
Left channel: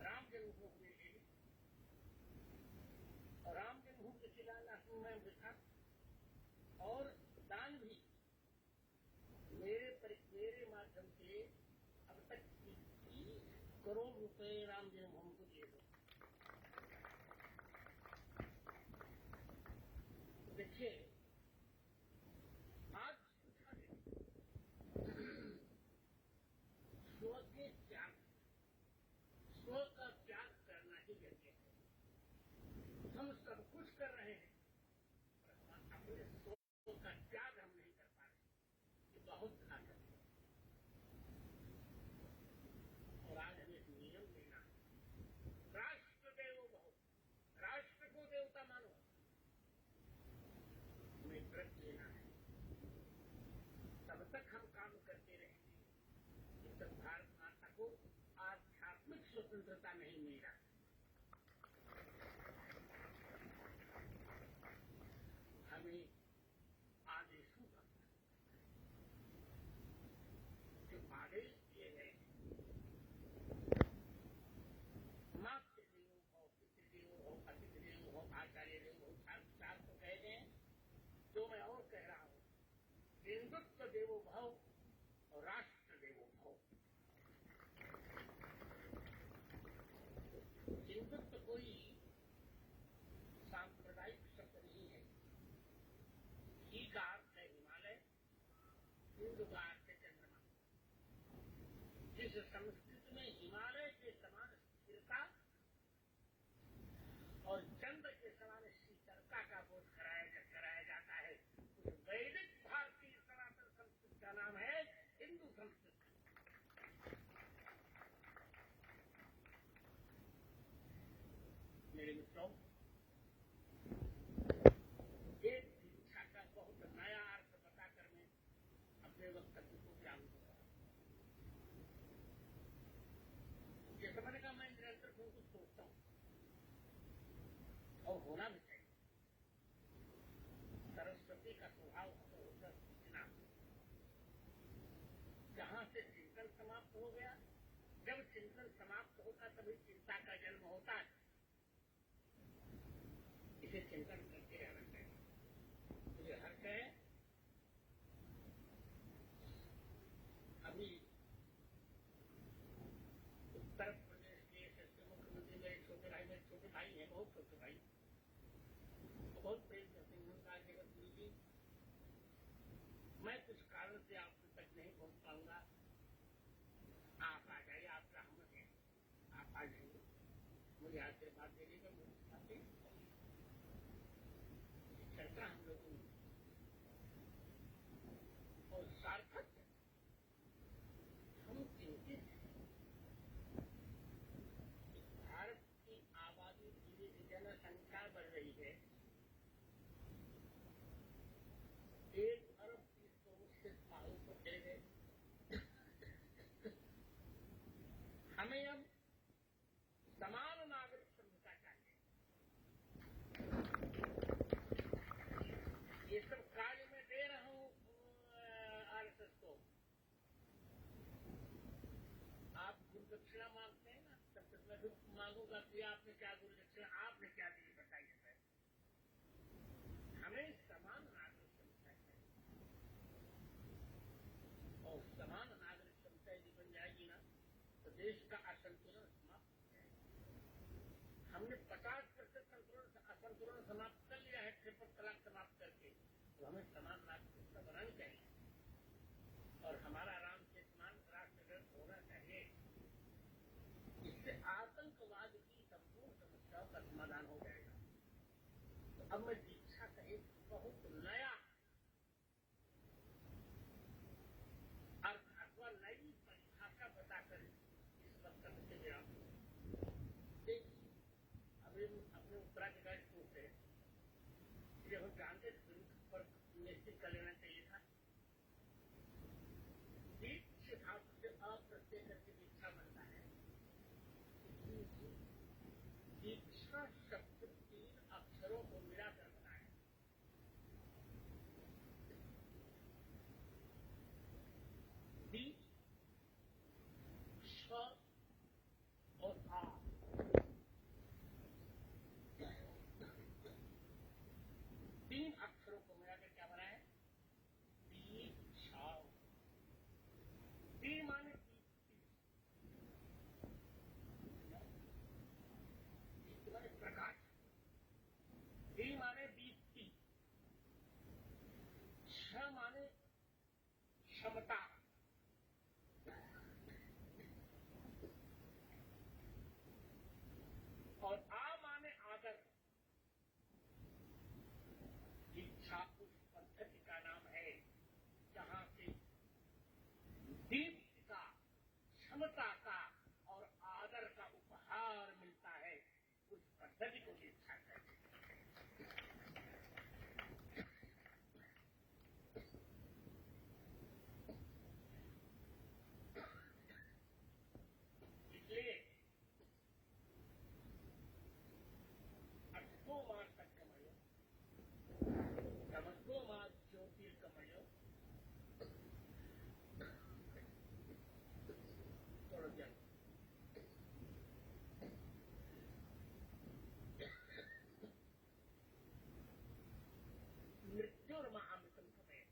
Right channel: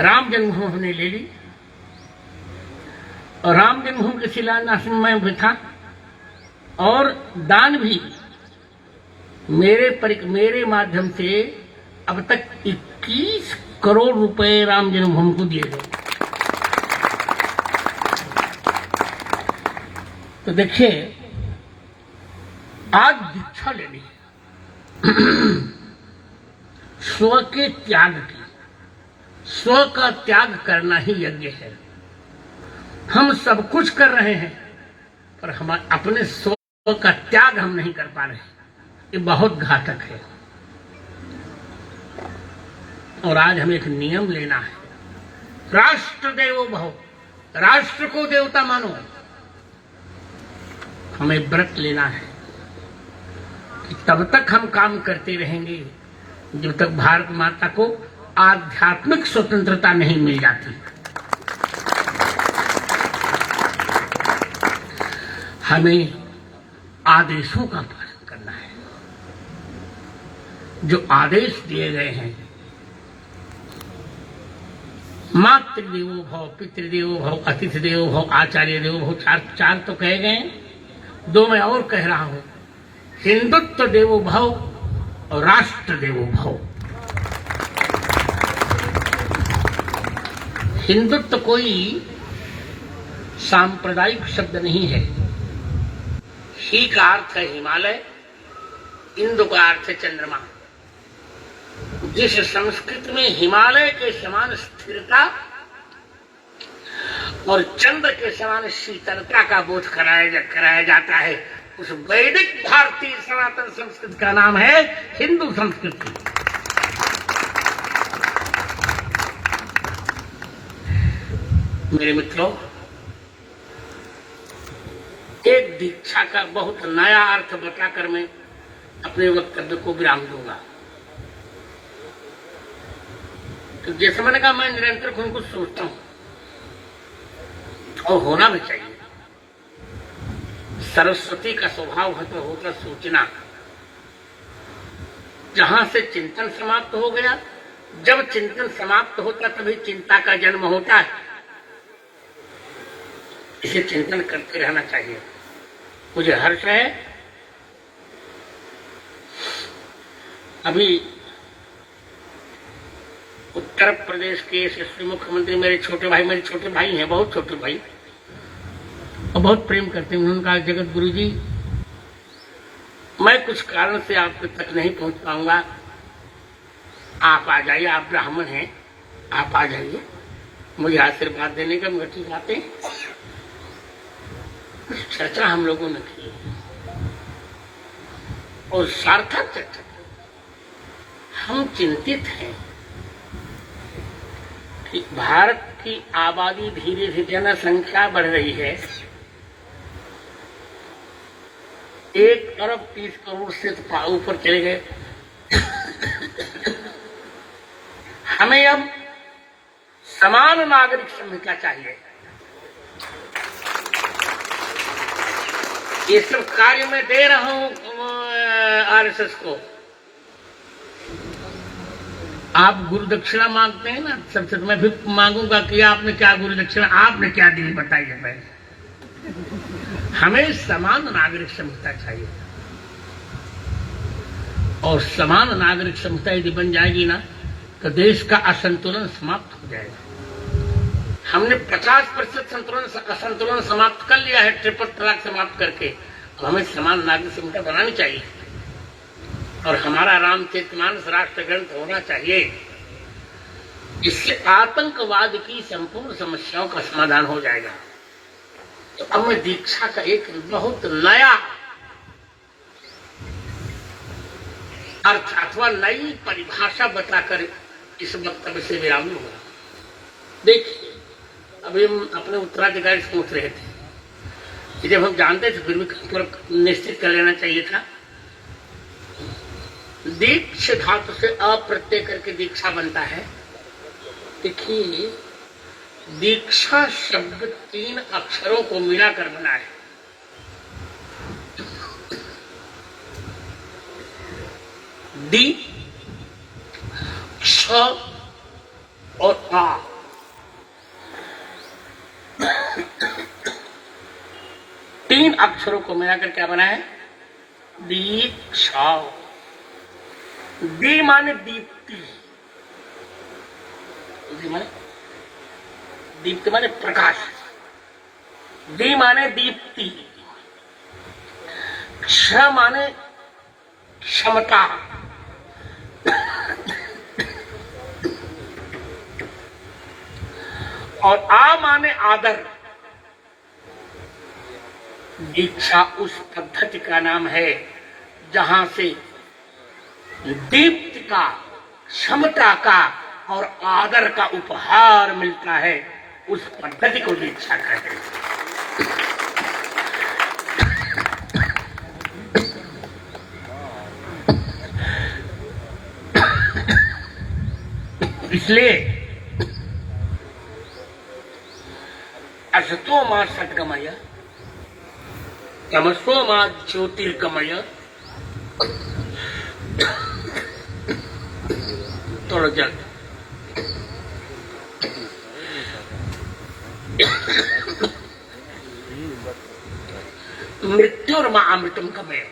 राम जन्मभूमि हमने ले ली और राम जन्मभूमि के शिलान्यास में भी था, और दान भी मेरे माध्यम से अब तक 21 करोड़ रुपए राम जन्मभूमि को दिए गए। तो देखिए, आज दीक्षा लेनी है स्व के त्याग की। स्व का त्याग करना ही यज्ञ है। हम सब कुछ कर रहे हैं पर हम अपने स्व का त्याग हम नहीं कर पा रहे। ये बहुत घातक है। और आज हमें एक नियम लेना है, राष्ट्र देवो भव, राष्ट्र को देवता मानो। हमें व्रत लेना है कि तब तक हम काम करते रहेंगे जब तक भारत माता को आध्यात्मिक स्वतंत्रता नहीं मिल जाती। हमें आदेशों का पालन करना है। जो आदेश दिए गए हैं, मातृदेवो भव, पितृदेवो भव, अतिथि देवो भव, आचार्य देवो भव, चार तो कहे गए, दो मैं और कह रहा हूं, हिंदुत्व देवो भव और राष्ट्र देवो भव। हिंदुत्व कोई सांप्रदायिक शब्द नहीं है। ही का अर्थ है हिमालय, इंदु का अर्थ है चंद्रमा। जिस संस्कृति में हिमालय के समान स्थिरता और चंद्र के समान शीतलता का बोध कराया जाता है, उस वैदिक भारतीय सनातन संस्कृति का नाम है हिंदू संस्कृति। मेरे मित्रों, एक दीक्षा का बहुत नया अर्थ बताकर मैं अपने वक्तव्य को विराम दूंगा। तो जैसे मैंने कहा, मैं निरंतर खुद को सोचता हूं और होना भी चाहिए। सरस्वती का स्वभाव होता सोचना। जहां से चिंतन समाप्त हो गया, जब चिंतन समाप्त होता तभी चिंता का जन्म होता है। इसे चिंतन करते रहना चाहिए। मुझे हर्ष है, अभी उत्तर प्रदेश के यशस्वी मुख्यमंत्री मेरे छोटे भाई हैं, बहुत छोटे भाई, और बहुत प्रेम करते हैं। उन्होंने कहा, जगत गुरु जी, मैं कुछ कारण से आप तक नहीं पहुंच पाऊंगा, आप आ जाइए, आप ब्राह्मण हैं, आप आ जाइए मुझे आशीर्वाद देने का। मगर ठीक आते हैं। चर्चा हम लोगों ने की और सार्थक चर्चा। हम चिंतित हैं कि भारत की आबादी धीरे धीरे, जनसंख्या बढ़ रही है। 1 अरब 30 करोड़ से ऊपर चले गए। हमें अब समान नागरिक संहिता चाहिए। ये सब कार्य मैं दे रहा हूं आरएसएस को। आप गुरु दक्षिणा मांगते हैं ना, सबसे तो मैं भी मांगूंगा कि आपने क्या गुरु दक्षिणा, आपने क्या दी, बताइए पहले। हमें समान नागरिक संहिता चाहिए, और समान नागरिक संहिता यदि बन जाएगी ना, तो देश का असंतुलन समाप्त हो जाएगा। हमने 50% असंतुलन समाप्त कर लिया है ट्रिपल तलाक समाप्त करके। अब हमें समान नागरिक संहिता बनानी चाहिए, और हमारा रामचरितमानस राष्ट्र ग्रंथ होना चाहिए। इससे आतंकवाद की संपूर्ण समस्याओं का समाधान हो जाएगा। तो अब मैं दीक्षा का एक बहुत नया अर्थ अथवा नई परिभाषा बताकर इस वक्तव्य से विराम लूंगा। देखिए, अभी हम अपने उत्तराधिकारी सोच रहे थे कि जब हम जानते थे फिर भी निश्चित कर लेना चाहिए था। दीक्ष धातु से अप्रत्यय करके दीक्षा बनता है। देखिए, दीक्षा शब्द 3 अक्षरों को मिलाकर बना है। दी और आ। तीन अक्षरों को मिलाकर क्या बना है? दीक्षा। दी माने दीप्ति, दीप्ति माने प्रकाश, दी माने दीप्ति, क्ष माने क्षमता, और आ माने आदर। दीक्षा उस पद्धति का नाम है जहां से दीप्ति का, क्षमता का और आदर का उपहार मिलता है। उस पद्धति को दीक्षा कहते हैं। इसलिए असतो मा सद्गमय, तमसो मा ज्योतिर्गमय। थोड़ा जल्द। मृत्युर्मा अमृतम गमय।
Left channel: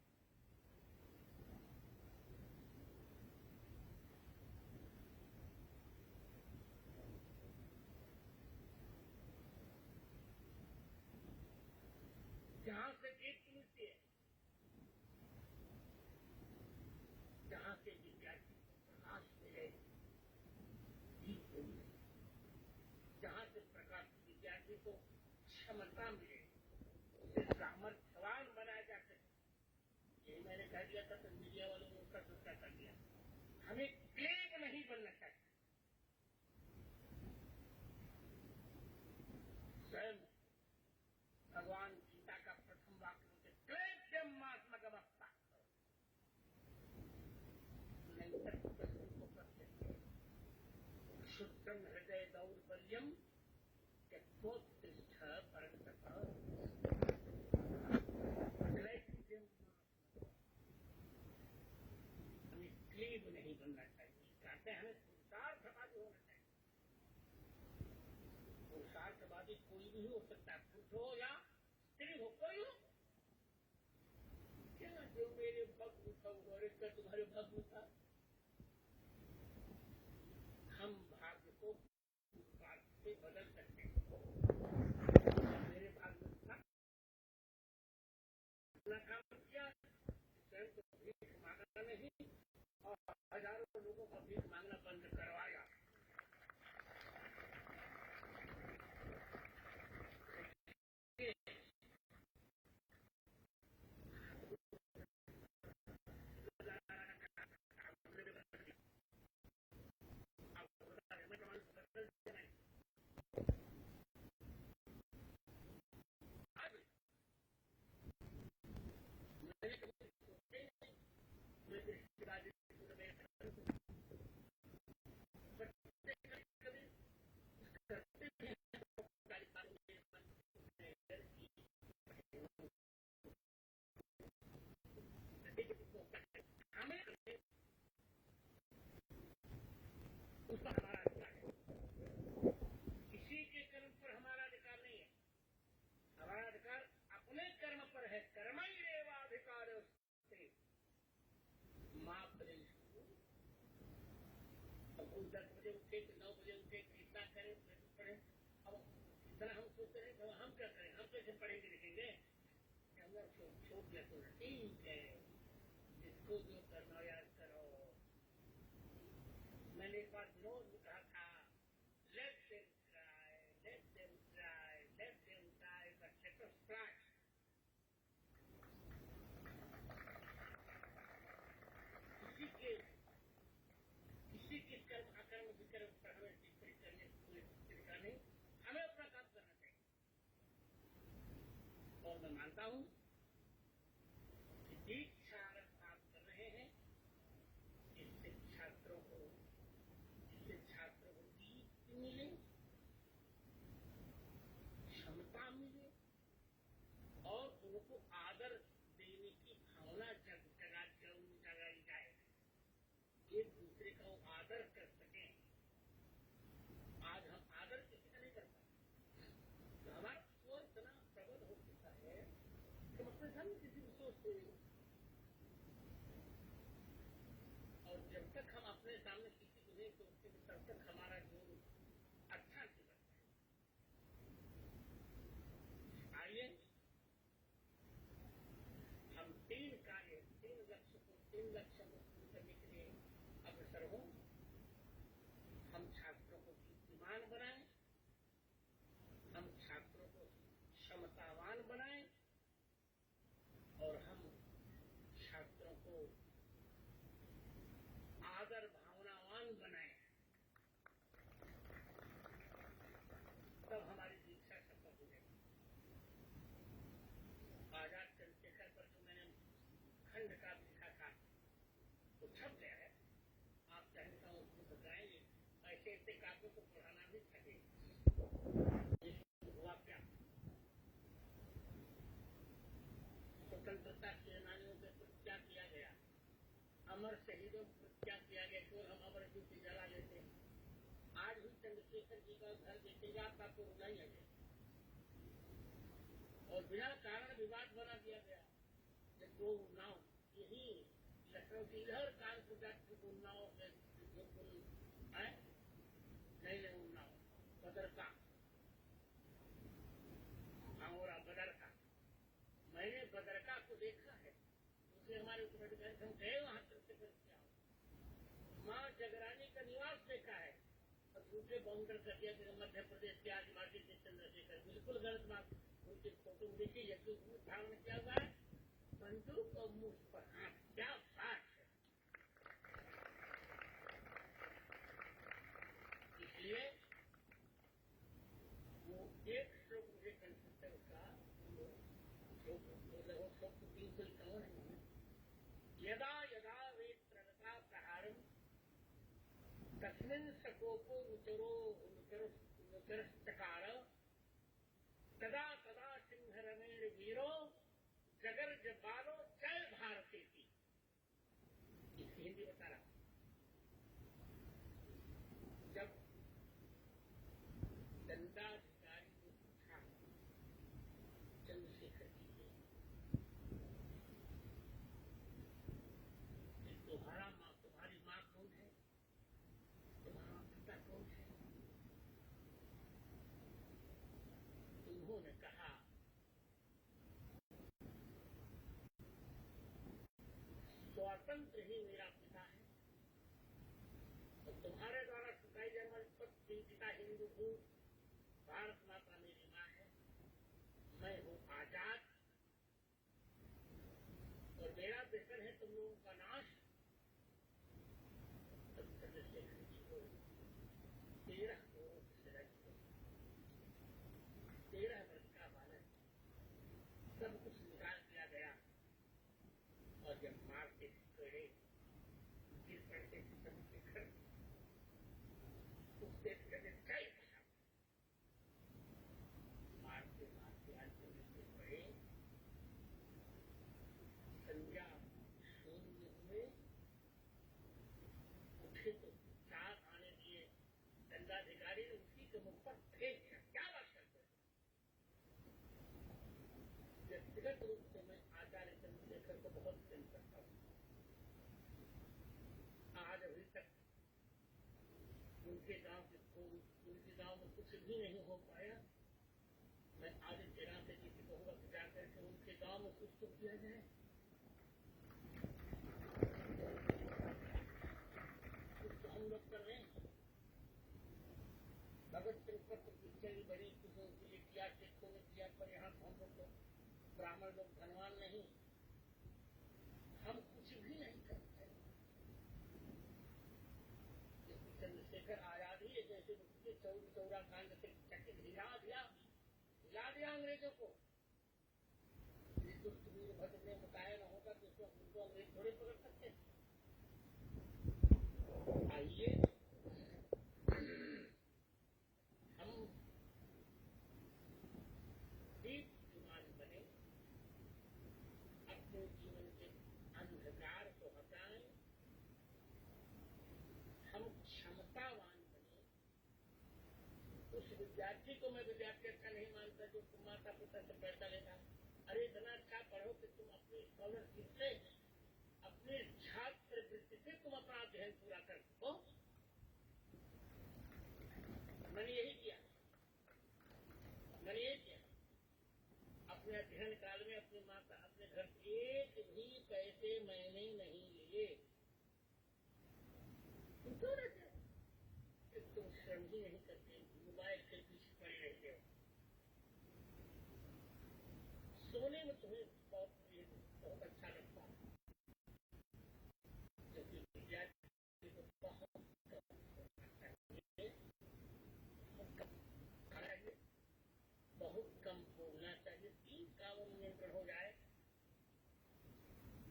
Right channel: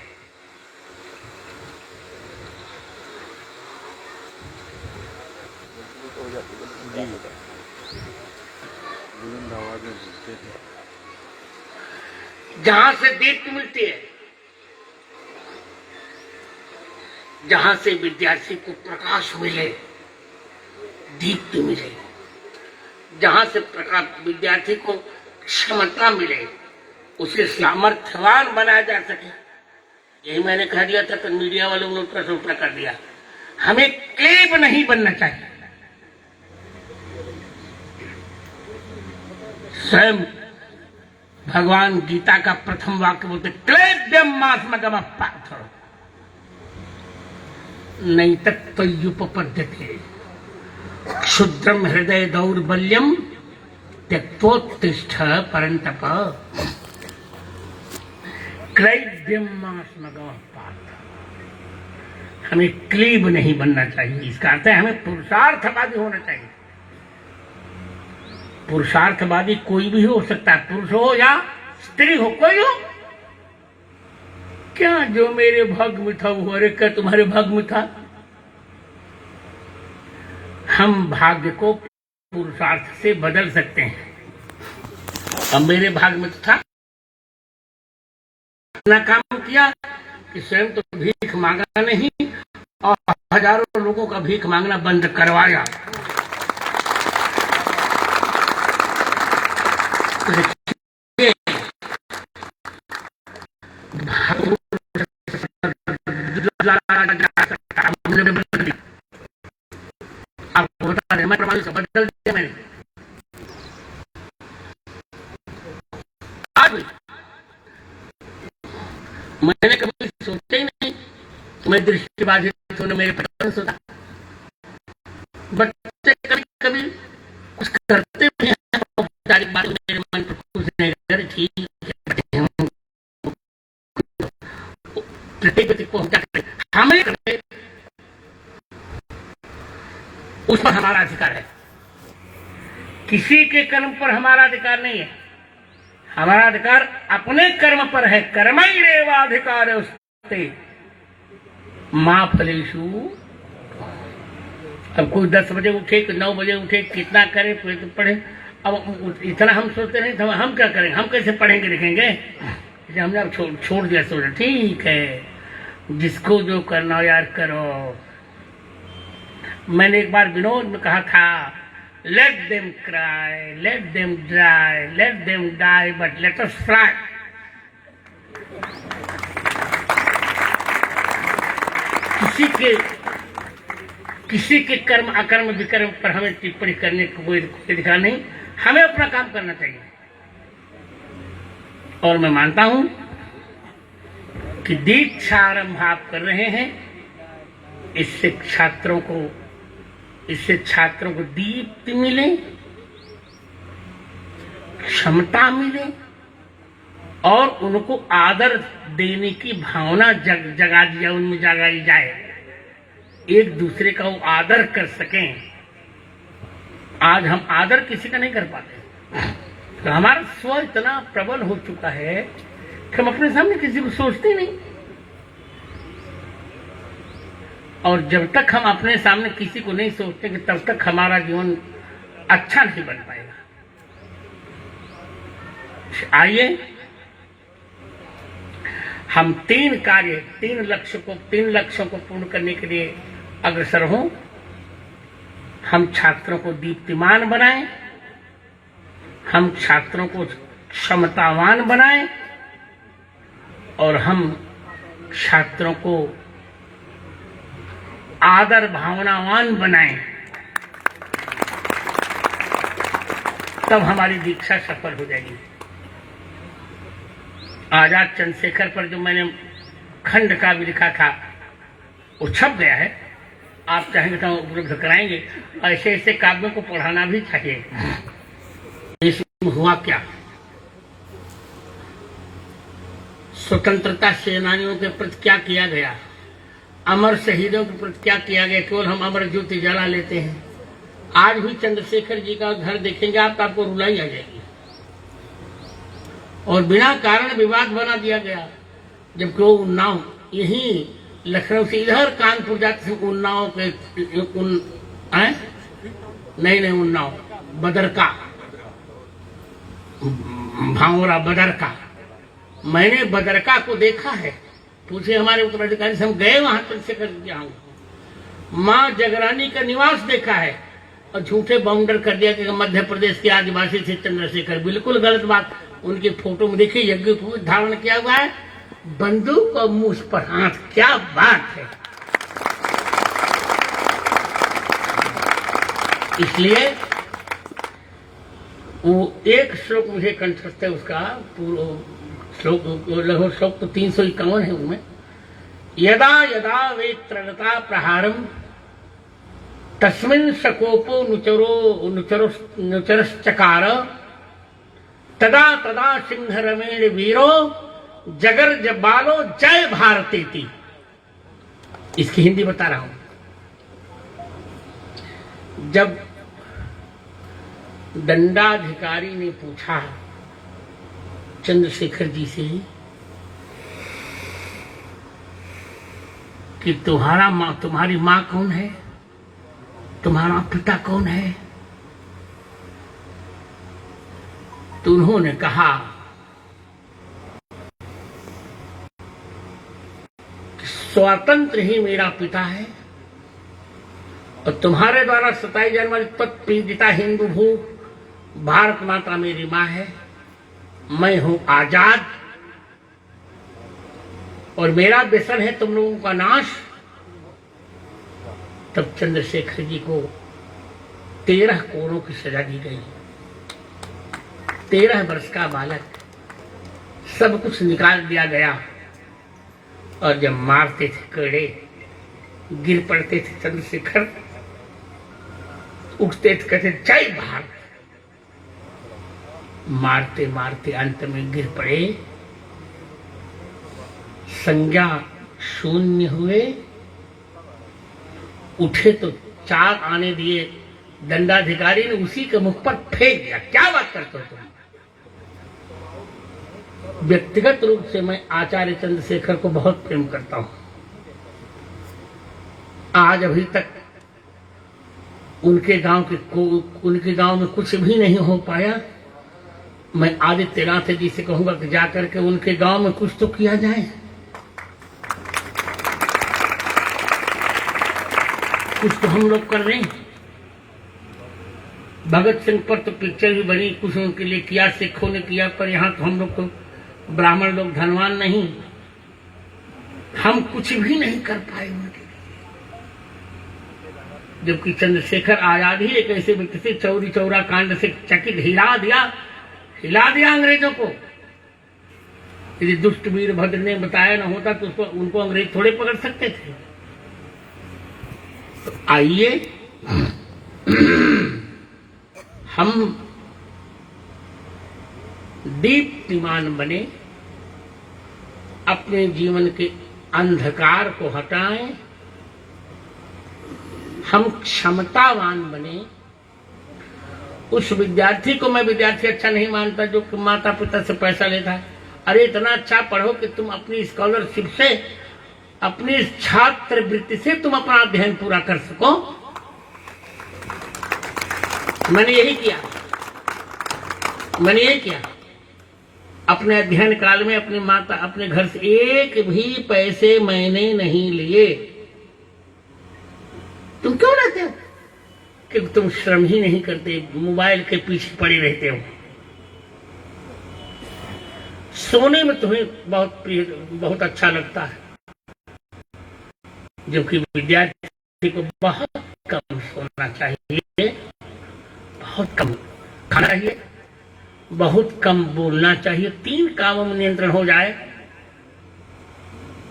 जहां से दीप्ति मिलती है, जहां से विद्यार्थी को प्रकाश मिले, दीप्ति मिले, जहां से प्रकाश विद्यार्थी को क्षमता मिले, उसे सामर्थ्यवान बनाया जा सके। यही मैंने कह दिया था, तो मीडिया वालों ने उल्टा से उल्टा कर दिया। हमें क्लेब नहीं बनना चाहिए। स्वयं भगवान गीता का प्रथम वाक्य बोलते, क्लेब्यम मास्मगम पार्थ नहीं तत्त्वयुपपद्यते क्षुद्रम हृदय दौर्बल्यम त्यक्तोत्तिष्ठ परंतप। क्लेब्यम मास्मगम पार्थ, हमें क्लीब नहीं बनना चाहिए। इसका अर्थ है हमें पुरुषार्थवादी होना चाहिए। पुरुषार्थवादी कोई भी हो सकता है, पुरुष हो या स्त्री हो, कोई हो। क्या जो मेरे भाग्य में था वो, अरे क्या तुम्हारे भाग्य में था? हम भाग्य को पुरुषार्थ से बदल सकते हैं। अब मेरे भाग्य में तो था, अपना काम किया कि स्वयं तो भीख मांगा नहीं और हजारों लोगों का भीख मांगना बंद करवाया। आपको बता दें, मैं प्रणाली से बदल दिया मैंने। आज मैंने कभी सोचा ही नहीं कि मैं दृष्टिबाधित होने मेरे पता सोचा। बच्चे कभी कभी कुछ करते भी हैं, औपचारिक बात मेरे मन पर कुछ नहीं कर, ठीक है, प्रत्येक व्यक्ति को हम क्या करें, हमें करें, उस पर हमारा अधिकार है। किसी के कर्म पर हमारा अधिकार नहीं है। हमारा अधिकार अपने कर्म पर है। कर्मैरेवाधिकार उस्ते मां फलेषु। अब कोई 10 बजे उठे, 9 बजे उठे, कितना करे पढ़े। अब इतना हम सोचते नहीं, तो हम क्या करेंगे, हम कैसे पढ़ेंगे लिखेंगे? हमने अब छोड़ दिया, सोचा ठीक है, जिसको जो करना हो यार करो। मैंने एक बार विनोद में कहा था, let them cry, let them dry, let them die, but let us fry. किसी के कर्म अकर्म विकर्म पर हमें टिप्पणी करने को कोई अधिकार नहीं। हमें अपना काम करना चाहिए। और मैं मानता हूं कि दीक्षा आरंभ आप कर रहे हैं, इससे छात्रों को दीप्ति मिले, क्षमता मिले और उनको आदर देने की भावना जगा दिया, उनमें जगाई जाए। एक दूसरे का वो आदर कर सकें। आज हम आदर किसी का नहीं कर पाते। तो हमारा स्व इतना प्रबल हो चुका है कि हम अपने सामने किसी को सोचते नहीं, और जब तक हम अपने सामने किसी को नहीं सोचते कि तब तक हमारा जीवन अच्छा नहीं बन पाएगा। आइए हम तीन लक्ष्यों को पूर्ण करने के लिए अग्रसर हों। हम छात्रों को दीप्तिमान बनाएं, हम छात्रों को क्षमतावान बनाएं, और हम छात्रों को आदर भावनावान बनाएं। तब हमारी दीक्षा सफल हो जाएगी। आजाद चंद्रशेखर पर जो मैंने खंड काव्य लिखा था वो छप गया है, आप चाहेंगे तो उपलब्ध कराएंगे। ऐसे ऐसे काव्यों को पढ़ाना भी चाहिए। इसमें हुआ क्या, स्वतंत्रता सेनानियों के प्रति क्या किया गया, अमर शहीदों के प्रति क्या किया गया। केवल हम अमर ज्योति जला लेते हैं। आज भी चंद्रशेखर जी का घर देखेंगे आप तो आपको रुलाई आ जाएगी, और बिना कारण विवाद बना दिया गया। जबकि वो उन्नाव यही लखनऊ से इधर कानपुर जाते थे, उन्नाव के नहीं उन्नाव बदरका, भावरा बदरका, मैंने बदरका को देखा है। पूछे हमारे उत्तराधिकारी से, हम गए वहां चंद्रशेखर जी आऊँ। माँ जगरानी का निवास देखा है, और झूठे बाउंडर कर दिया कि मध्य प्रदेश के आदिवासी थे चंद्रशेखर। बिल्कुल गलत बात। उनकी फोटो में देखिए यज्ञ पूज धारण किया हुआ है, बंदूक और मूछ पर हाथ। क्या बात है। इसलिए वो एक श्लोक मुझे कंठस्थ है, उसका श्लोक लगभग श्लोक तो 351 है उनमें। यदा यदा वेत्रता प्रहारम तस्मिन् सकोपो नुचरश्चकार तदा तदा सिंह रमेण वीरो जगर्ज बालो जय भारतेति। इसकी हिंदी बता रहा हूं। जब दंडाधिकारी ने पूछा चंद्रशेखर जी से कि तुम्हारी मां कौन है, तुम्हारा पिता कौन है, तो उन्होंने कहा कि स्वतंत्र ही मेरा पिता है, और तुम्हारे द्वारा सताई जाने वाली तत्पीड़िता हिंदू भू भारत माता मेरी मां है। मैं हूं आजाद, और मेरा व्यसन है तुम लोगों का नाश। तब चंद्रशेखर जी को 13 कोड़ों की सजा दी गई। 13 वर्ष का बालक, सब कुछ निकाल दिया गया। और जब मारते थे कड़े, गिर पड़ते थे चंद्रशेखर, उठते थे कहते जय भारत। मारते मारते अंत में गिर पड़े, संज्ञा शून्य हुए। उठे तो 4 आने दिए, दंडाधिकारी ने उसी के मुख पर फेंक दिया। क्या बात करते हो तुम। व्यक्तिगत रूप से मैं आचार्य चंद्रशेखर को बहुत प्रेम करता हूं। आज अभी तक उनके गांव में कुछ भी नहीं हो पाया। मैं आदित्यनाथ जी से कहूंगा कि जाकर के उनके गांव में कुछ तो किया जाए। कुछ तो हम लोग कर रहे हैं। भगत सिंह पर तो पिक्चर भी बनी, कुछ उनके लिए किया, सिखों ने किया, पर यहाँ तो हम लोग तो ब्राह्मण लोग धनवान नहीं, हम कुछ भी नहीं कर पाए उनके लिए। जबकि चंद्रशेखर आजाद ही एक ऐसे व्यक्ति से चौरी चौरा कांड से चकित हिला दिया अंग्रेजों को। यदि दुष्ट वीरभद्र ने बताया न होता तो उनको अंग्रेज थोड़े पकड़ सकते थे। तो आइए हम दीप्तिमान बने, अपने जीवन के अंधकार को हटाएं हम क्षमतावान बने। उस विद्यार्थी को मैं विद्यार्थी अच्छा नहीं मानता जो माता पिता से पैसा लेता है। अरे इतना अच्छा पढ़ो कि तुम अपनी स्कॉलरशिप से, अपनी छात्रवृत्ति से तुम अपना अध्ययन पूरा कर सको। मैंने यही किया। अपने अध्ययन काल में अपने घर से एक भी पैसे मैंने नहीं लिए। तुम क्यों लेते हो? कि तुम श्रम ही नहीं करते, मोबाइल के पीछे पड़े रहते हो। सोने में तुम्हें बहुत अच्छा लगता है, जबकि विद्यार्थी को बहुत कम सोना चाहिए, बहुत कम खाना चाहिए, बहुत कम बोलना चाहिए। 3 कामों में नियंत्रण हो जाए,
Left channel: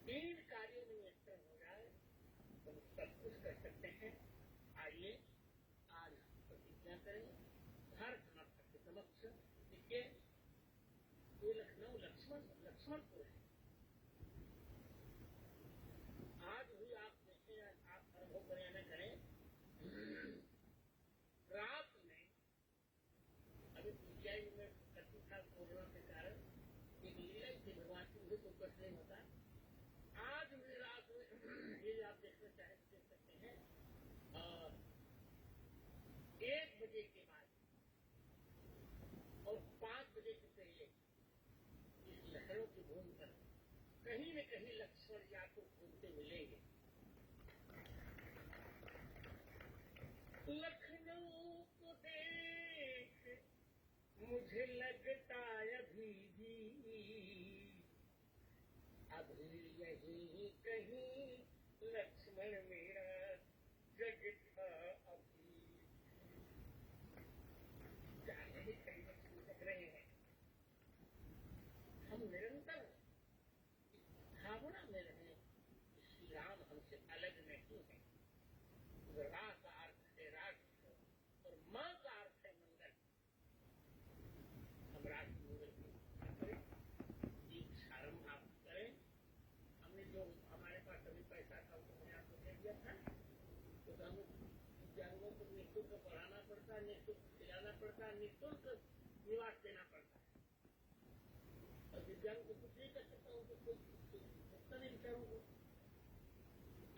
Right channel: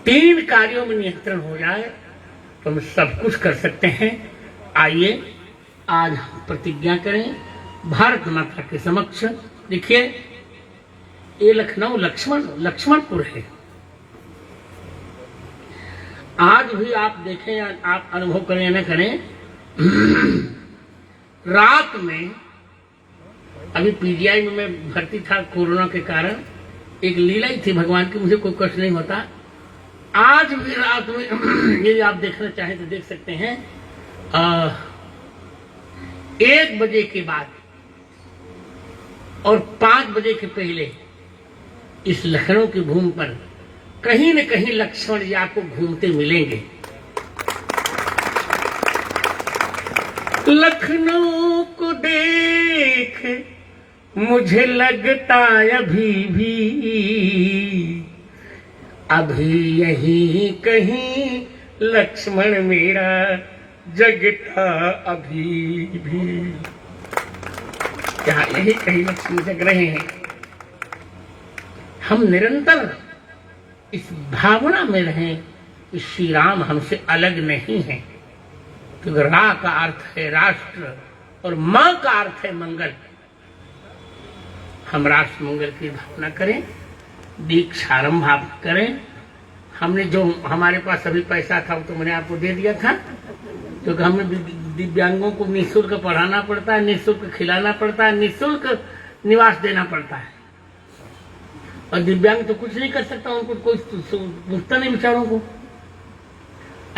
3 कार्यों में नियंत्रण हो जाए तो हम सब कुछ कर सकते हैं। आइए आज हम प्रतिज्ञा करें भारत माता के समक्ष। देखिए ये लखनऊ लक्ष्मणपुर है। आज भी आप देखें, आप अनुभव करें या न करें, रात में अभी पीजीआई में मैं भर्ती था कोरोना के कारण, एक लीला ही थी भगवान की, मुझे कोई कष्ट नहीं होता। आज भी रात में यदि आप देखना चाहें तो देख सकते हैं। 1 बजे के बाद और 5 बजे के पहले इस लखनऊ की भूमि पर कहीं न कहीं लक्ष्मण जी आपको घूमते मिलेंगे। लखनऊ को देख मुझे लगता अभी यही कहीं लक्ष्मण मेरा जगता अभी भी। क्या यही कहीं लक्ष्मण जग रहे हैं? हम निरंतर इस भावना में रहें कि श्री राम हमसे अलग नहीं है, क्योंकि रा का अर्थ है राष्ट्र और मां का अर्थ है मंगल। हम राष्ट्र मंगल की भावना करें, दीक्षारंभ आप करें। हमने जो हमारे पास अभी पैसा था वो तो मैंने आपको दे दिया था, क्योंकि हमें दिव्यांगों को निःशुल्क पढ़ाना पड़ता है, निःशुल्क खिलाना पड़ता है, निःशुल्क निवास देना पड़ता है। और दिव्यांग तो कुछ नहीं कर सकता, उनको कोई पूछता नहीं बेचारों को।